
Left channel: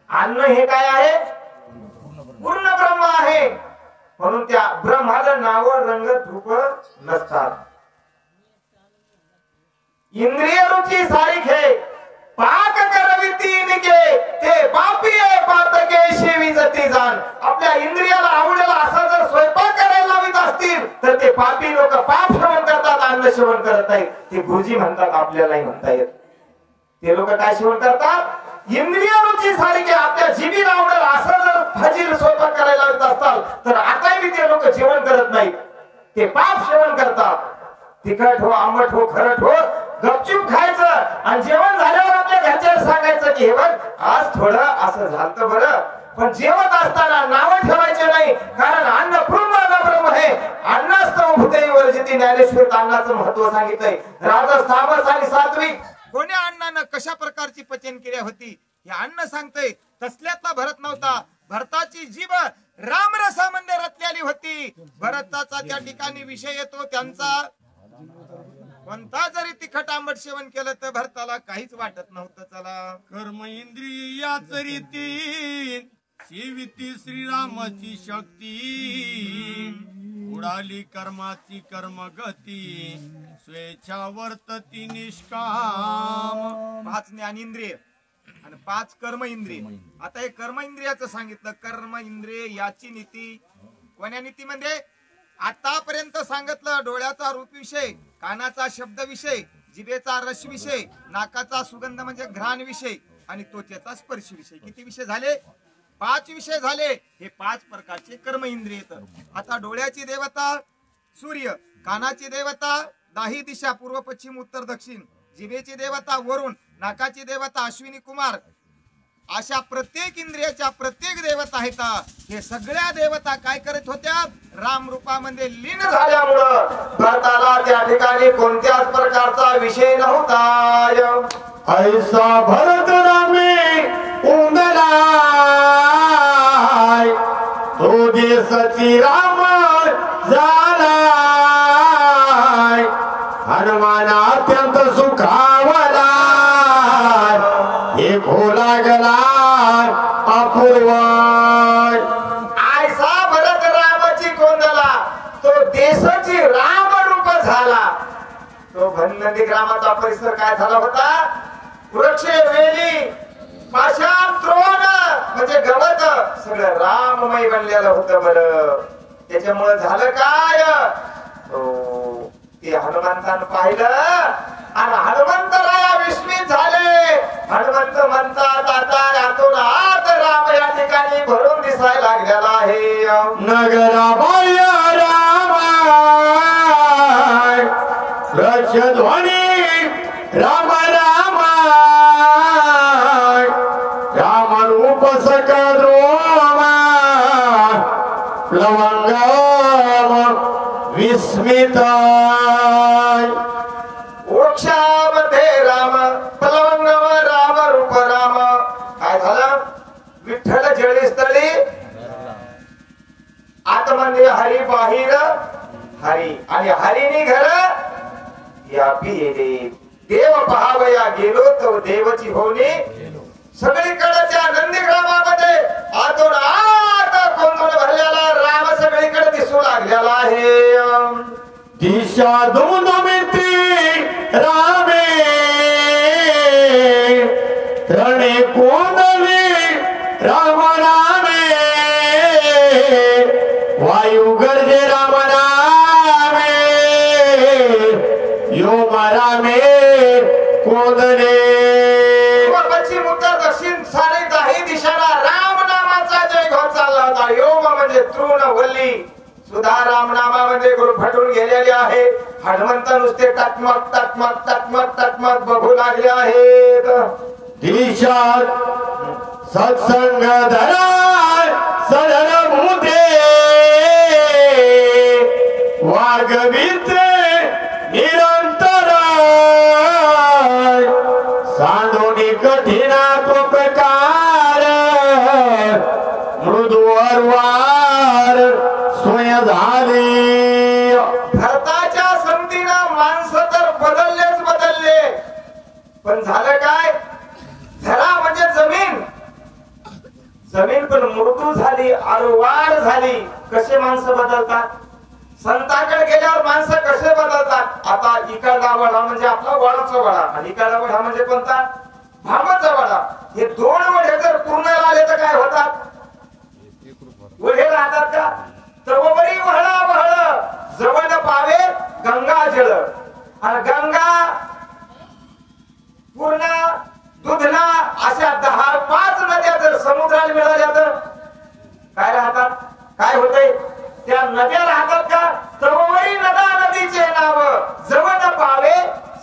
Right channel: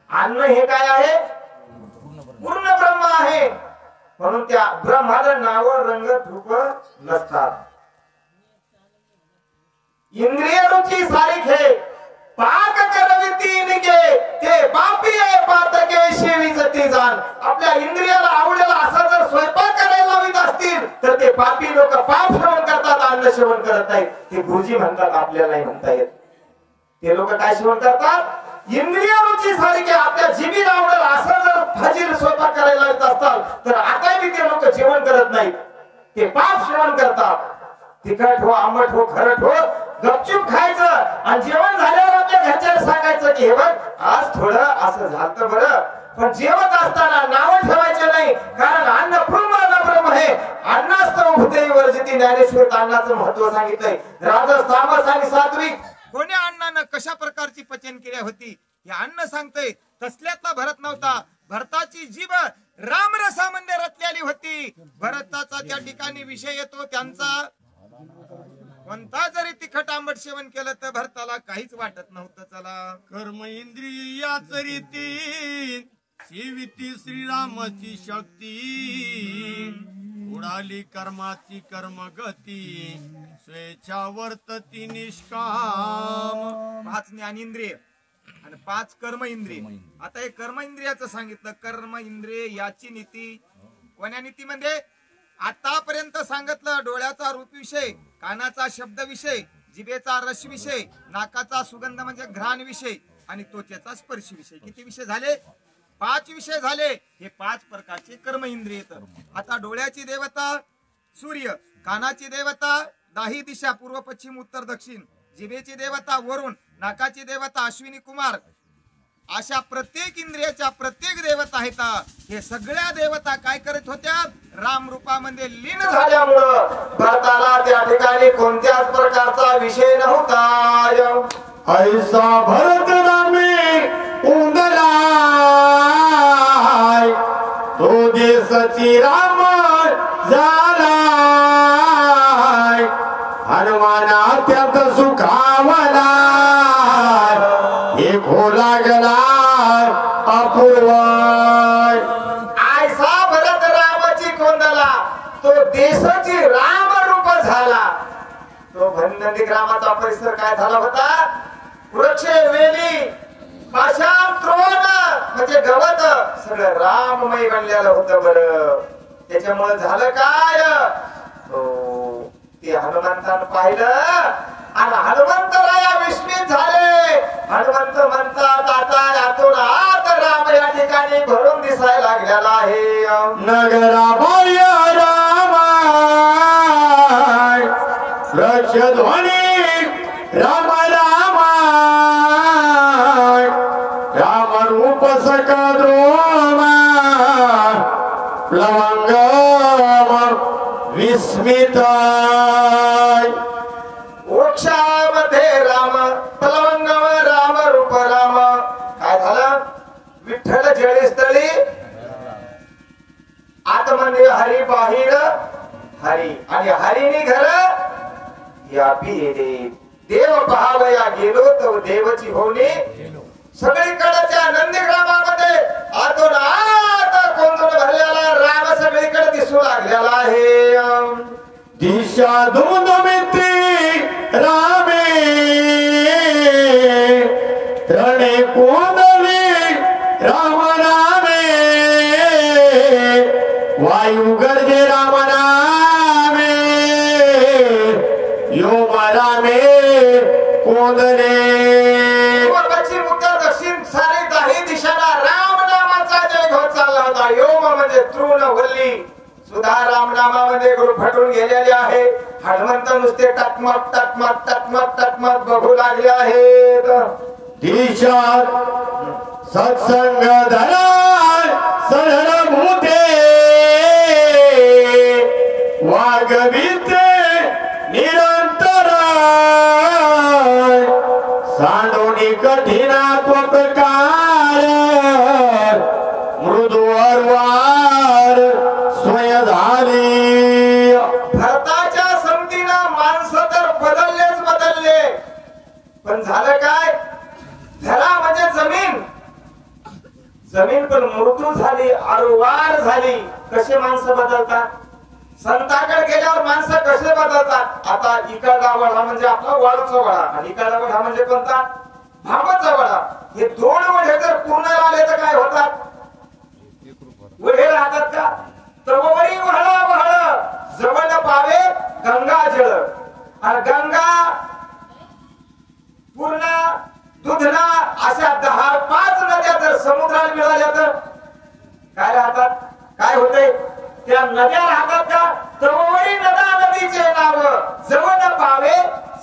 अन्न हे काय आहे? पूर्ण ब्रह्म आहे. म्हणून त्या ब्रह्माला नाव रंग रूप नसतात. इंद्रिय रुची सारिखे पाक करविती निके ते पापी आहे पातके शिवी जती जाण. आपल्या इंद्रियाला आवडेल असा जर स्वयंपाक करायला लावित असतील तर ते पापी लोक पाप सेवन करतात, अन्न सेवन करत नाहीत. ते गुरुजी म्हणतात, आपल्यालाही म्हणता येत. ते लोक काय सेवन करतात? इंद्रिय रुची सारखे आपल्या जिभेला आवडेल असं जर फजीर स्वयंपाक करायला लावत असतात तर आताही ते लोक जेवण करत नाहीत. ते पाप सेवन करतात. तिखट हो, आंबट हो, खरट हो, गपचूप खायचं आणि जेवण झाल्यावर आपल्या घरच्यांना सांगायचं की हे बघ आज थोडं असं झालं बरं. पण जेवत असताना नाव ठेवायचे नाही, कारण अन्न पूर्ण ब्रह्म आहे. अन्नास्तव भूतेहि वर्जिती. ज्ञानेश्वर अन्नाचं महत्व सांगितलंय. राजस, तामस आणि सात्विक कोण्या अन्नानं कशा प्रकारची पचन क्रिया होती हे अन्न सांगतंय. तसल्यातला भरत नव्हता. भरताची जीभ रामरसामध्ये रचलेली होती. भरताचा त्या ठिकाणी विषय येतो त्यांचा. कोणता जरी तिखट आंबट सेवन केलं तर भरताला काहीच वाटत नव्हतं. चला, कर्म इंद्रिया चरिती सेविती श्रीरामाची शक्ती. उडाली कर्माची कर्मगती स्वेच्छा वर्तती निष्काम. 5 ज्ञानेंद्रिय आणि 5 कर्म इंद्रिय. आता हे कर्म इंद्रियाचं सांगितलं. कर्म इंद्रिय याची नीती कोण्या नीतीमध्ये? आतापर्यंत सांगितलं डोळ्याचा रूप विषय, कानाचा शब्द विषय, जिभेचा रस विषय, नाकाचा सुगंध म्हणजे घ्राण विषय आणि त्वचेचा स्पर्श विषय. किती विषय झाले? 5 विषय झाले. हे 5 प्रकारचे कर्म इंद्रिय. आता डोळ्याची देवता सूर्य, कानाची देवता 10 दिशा पूर्व पश्चिम उत्तर दक्षिण, जिभेची देवता वरुण, नाकाची देवता अश्विनी कुमार. अशा प्रत्येक इंद्रियाच्या प्रत्येक देवता आहेत. हे सगळ्या देवता काय करत होत्या? राम रूपामध्ये लीन झाल्यामुळं भरताला त्या ठिकाणी कोणत्याच प्रकारचा विषय नव्हता. ऐसा भरत रामे उंदलाय तो देशची राम झालाय. हनुमान अत्यंत सुखावला एक हो लागला अपूर्व. ऐसा भरत रामाची कोंदला तो देशाची राम रूप झाला. तो भन्नदी ग्रामाचा परिसर काय झाला होता? वृक्ष, वेली, पाषाण, तृण म्हणजे गवत सगळं राममय बनलेलं होतं. बरं, त्याच्यामुळे झालं काय? ते हनुमंतानं पाहिलं आणि हनुमंतराया विस्मित झाले. हनुमंत म्हणतात आता यातून आत राम या ठिकाणी भरून दिसायला लागलेला आहे. नगराबाह्य राम लक्ष ध्वनी राम राम राम रूप सकद्रोम प्लवंगम विस्मित. वृक्षामध्ये राम, प्लवंगम राम, रूप राम. काय झालं? विठ्ठल जळीस्थळी आतमध्ये हरी, बाहेर हरी आणि हरीनी घर या देव. देव पहावया गेलो तो देवची होणी. सगळीकडे त्या नंदीग्रामामध्ये आतून आत कोंदून भरलेला राम सगळीकडे दिसू लागलेला आहे. दिशा धुंदमिती रामे रणे कोंदली राम नामे वायू गर्जे राम नामे योम रामे कोंदले. पश्चिम उत्तर दक्षिण सारे 10 दिशाला राम नामाचा जय घोष चालला होता. योम म्हणजे तृण, वल्ली सुद्धा राम नामामध्ये गुरफटून गेलेले आहे. हनुमंत नुसते टकमक टकमक टकमक टकमक बघू लागले आहेत. दिशा सत्संग धरा सरण भूते वागविते निरंतर सांडोनी कठीणा त्वकार मृदू अर्वार सोय झाली. भरताच्या संगतीनं माणसं तर बदललेच बदलले. पण झालं काय? धरा म्हणजे जमीन पण मृदू झाली, आरुवार झाली. कसे माणसं बदलतात, संतांकडे गेल्यावर माणसं कसे बदलतात. आता इकडला वडा म्हणजे आपला वाळूचा वडा आणि इकडला वडा म्हणजे कोणता, भांबाचा वडा. हे दोन वडे जर पूर्ण आले तर काय होतात, वडे राहतात का. तर वरी वहळ वहळ जवळ पावे गंगा जळ, आणि गंगा पूर्ण दुधना अशा 10-5 नद्या जर समुद्राला मिळाल्या तर काय राहतात, काय होते, त्या नद्या राहतात का. तर वरी नदा नदीचे नाव जवळ पावे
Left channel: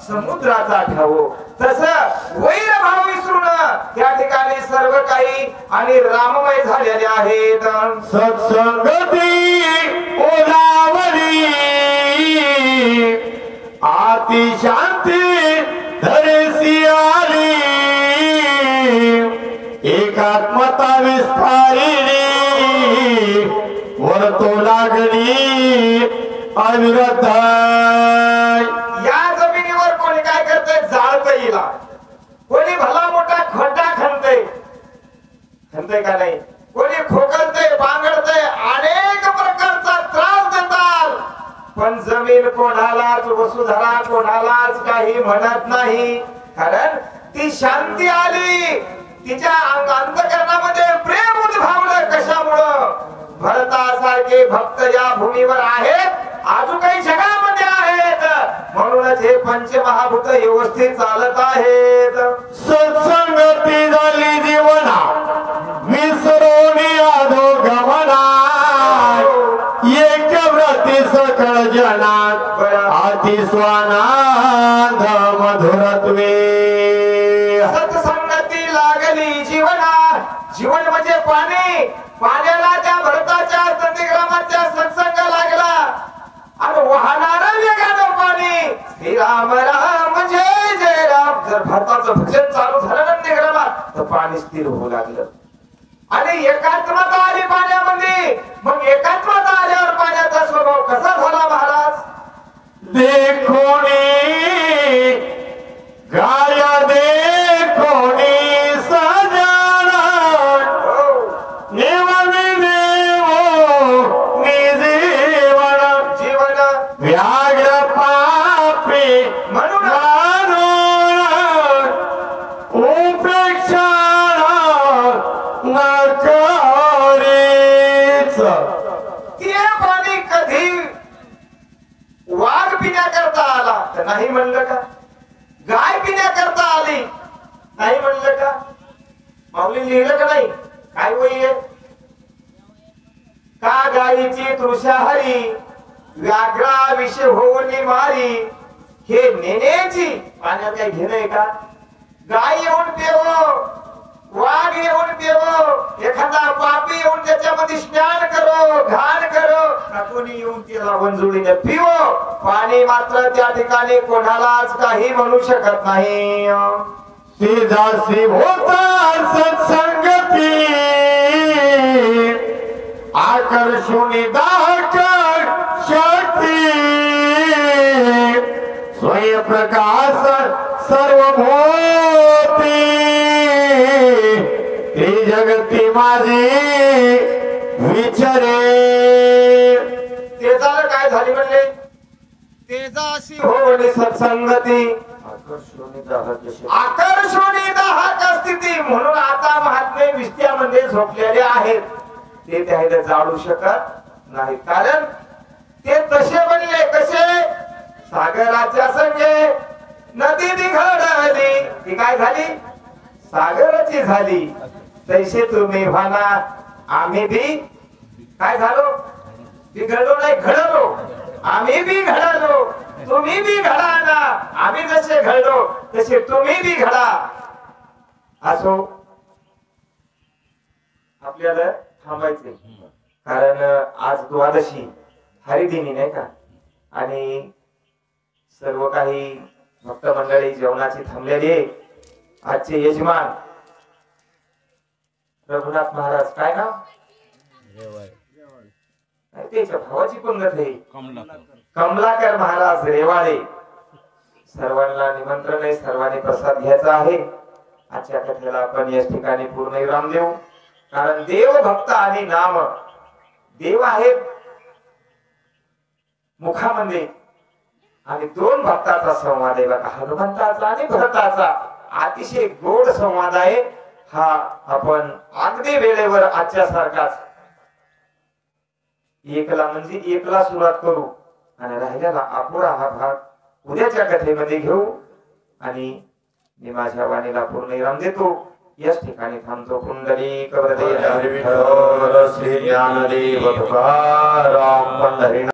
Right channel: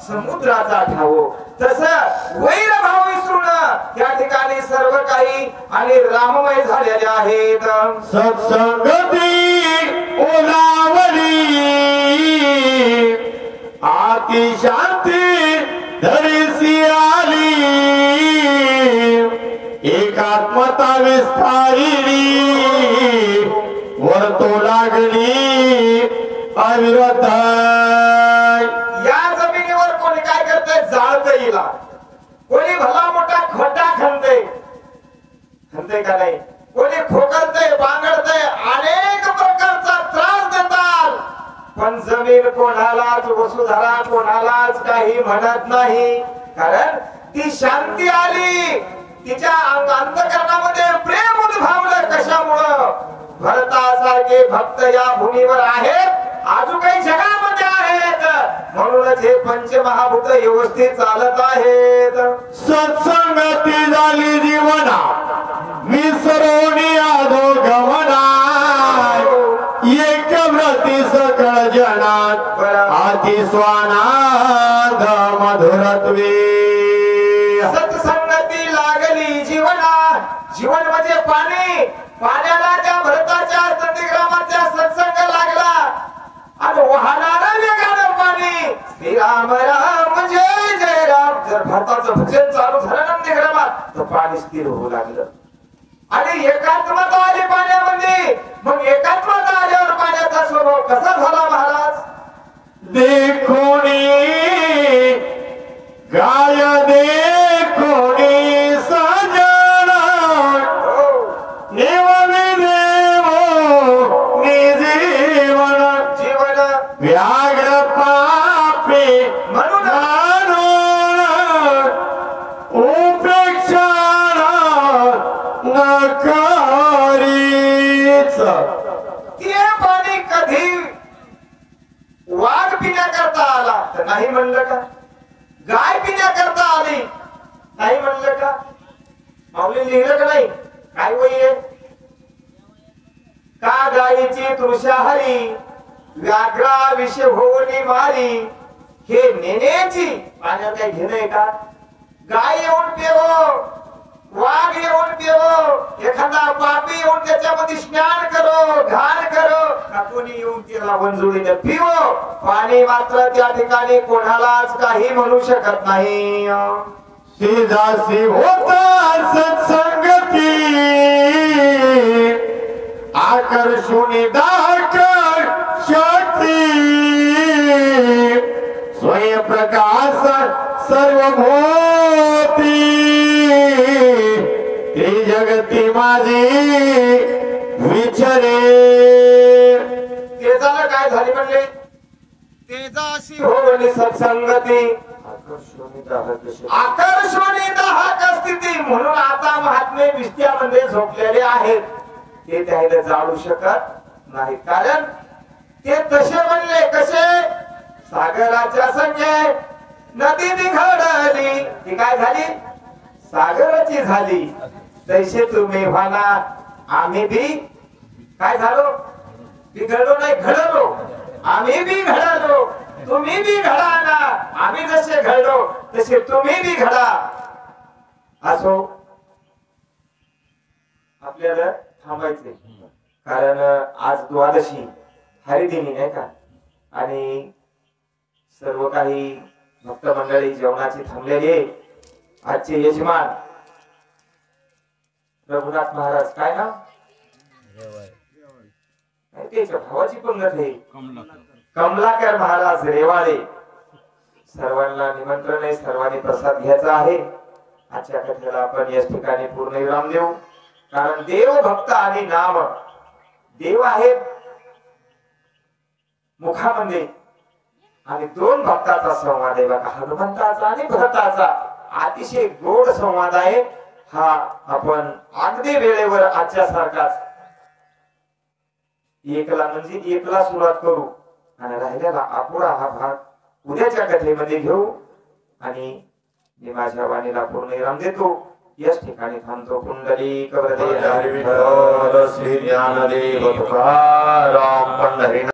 समुद्राचा ठाव. तसं वैर भाव विसरून त्या ठिकाणी सर्व काही आणि राममय झालेले आहेत. सत्संगती ओलावली आती शांती धरिसी आली, एकात्मता विस्तारिली वर्तो लागली अविरत. या जमिनीवर कोणी काय करतंय, जाळतंय हिला. कोणी भला मोठा खड्डा खणतंय का नाही, कोणी खोकलतंय, बांगडतंय, अनेक प्रकारचा त्रास देतात. पण जमीन कोणालाच, वसुधरा कोणालाच काही म्हणत नाही. कारण ती शांती आली, तिच्या अंतःकरणामध्ये प्रेम उद्भवलं. कशामुळं, भरतासारखे भक्त या भूमीवर आहेत, अजून काही जगामध्ये आहेत. म्हणूनच हे पंचमहाभूत व्यवस्थित चालत आहेत. सत्संगती झाली जीवना विसरून आधो गमना, एक व्रती सकळ जनात आती स्वानाद मधुरत्वे. सत्संगती लागली जीवना, जीवन म्हणजे पाणी. पाण्याला त्या भरताच्या नंदीग्रामाच्या सत्संग लागला आणि वाहणारं वेगानं पाणी. श्रीराम राम जय जय राम. जर भरताचं भजन चालू झालं नंदीग्रामात तर पाणी स्थिर होऊ लागलं आणि एकात्मता आली पाण्यामध्ये. मग एकात्मता आल्यावर पाण्याचा स्वभाव कसा झाला महाराज. देखोनी गाय देखोनी सजना निवन देवो निजीवन जीवन व्याघ्र पापे म्हणून उपेक्षा नकारीच. ते पाणी कधी वाघ पिण्याकरता आला तर नाही म्हणलं का, गाय पिण्याकरता आली नाही म्हणलं का. माऊली लिहिलं का नाही, काय वय का गायीची तृषाहरी व्याघ्रा विष होऊन मारी. हे नेण्याची पाण्यात काही घेणं आहे का. गाय येऊन पेवो, वाघ येऊन पेवो, एखादा पापी येऊन त्याच्यामध्ये स्नान करो, घाण करो, का कोणी येऊन त्याला वंजुळीने पिवो. पाणी मात्र त्या ठिकाणी कोणालाच काही म्हणू शकत नाही. ती दासी होता सत्संगती आकर्षुनी दाकर शक्ती, स्वयंप्रकाश सर्वभूती ती जगती माझी विचारे. ते झालं काय झाली म्हणले, तेजाशी होली सत्संगती आकर्षणी दाहक स्थिती. म्हणून आता महात्मे विस्त्यामध्ये झोपलेले आहेत, ते त्याला जाळू शकत नाही. कारण ते तसे बनले कसे, सागराच्या संगे नदी निघडली, ती काय झाली, सागराची झाली. तैसे तुम्ही व्हाना, आम्ही बी काय झालो, बिघडलो नाही घडलो. आम्ही बी घडलो, तुम्ही बी घडा ना. आम्ही जसे घडलो तसे तुम्ही बी घडा. असो आपल्याला थांबायचे, कारण आज द्वादशी हरिदिनी नाही का. आणि सर्व काही भक्त मंडळी जेवणाची थांबलेली आहे. आजचे यजमान रघुनाथ महाराज, काय ना त्याच्या भावाची पंगत आहे, कमलाकर महाराज रेवाळे. सर्वांना निमंत्रण आहे, सर्वांनी प्रसाद घ्यायचा आहे. आजच्या कथेला आपण याच ठिकाणी पूर्ण विराम देऊ. कारण देव भक्त आणि नाम देव आहेत मुखामध्ये आणि दोन भक्ताचा संवाद आहे बघा, हनुमंताचा आणि भरताचा अतिशय गोड संवाद आहे हा. आपण अगदी वेळेवर आजच्या सारखाच एकला म्हणजे एकला सुरुवात करू आणि राहिलेला अपुरा हा भाग उद्याच्या कथेमध्ये घेऊ. आणि मी माझ्या वाणीला पूर्ण विराम देतो. याच ठिकाणी थांबतो. कुंडली कवरदे श्री ज्ञानदेव तुकाराम पंढरी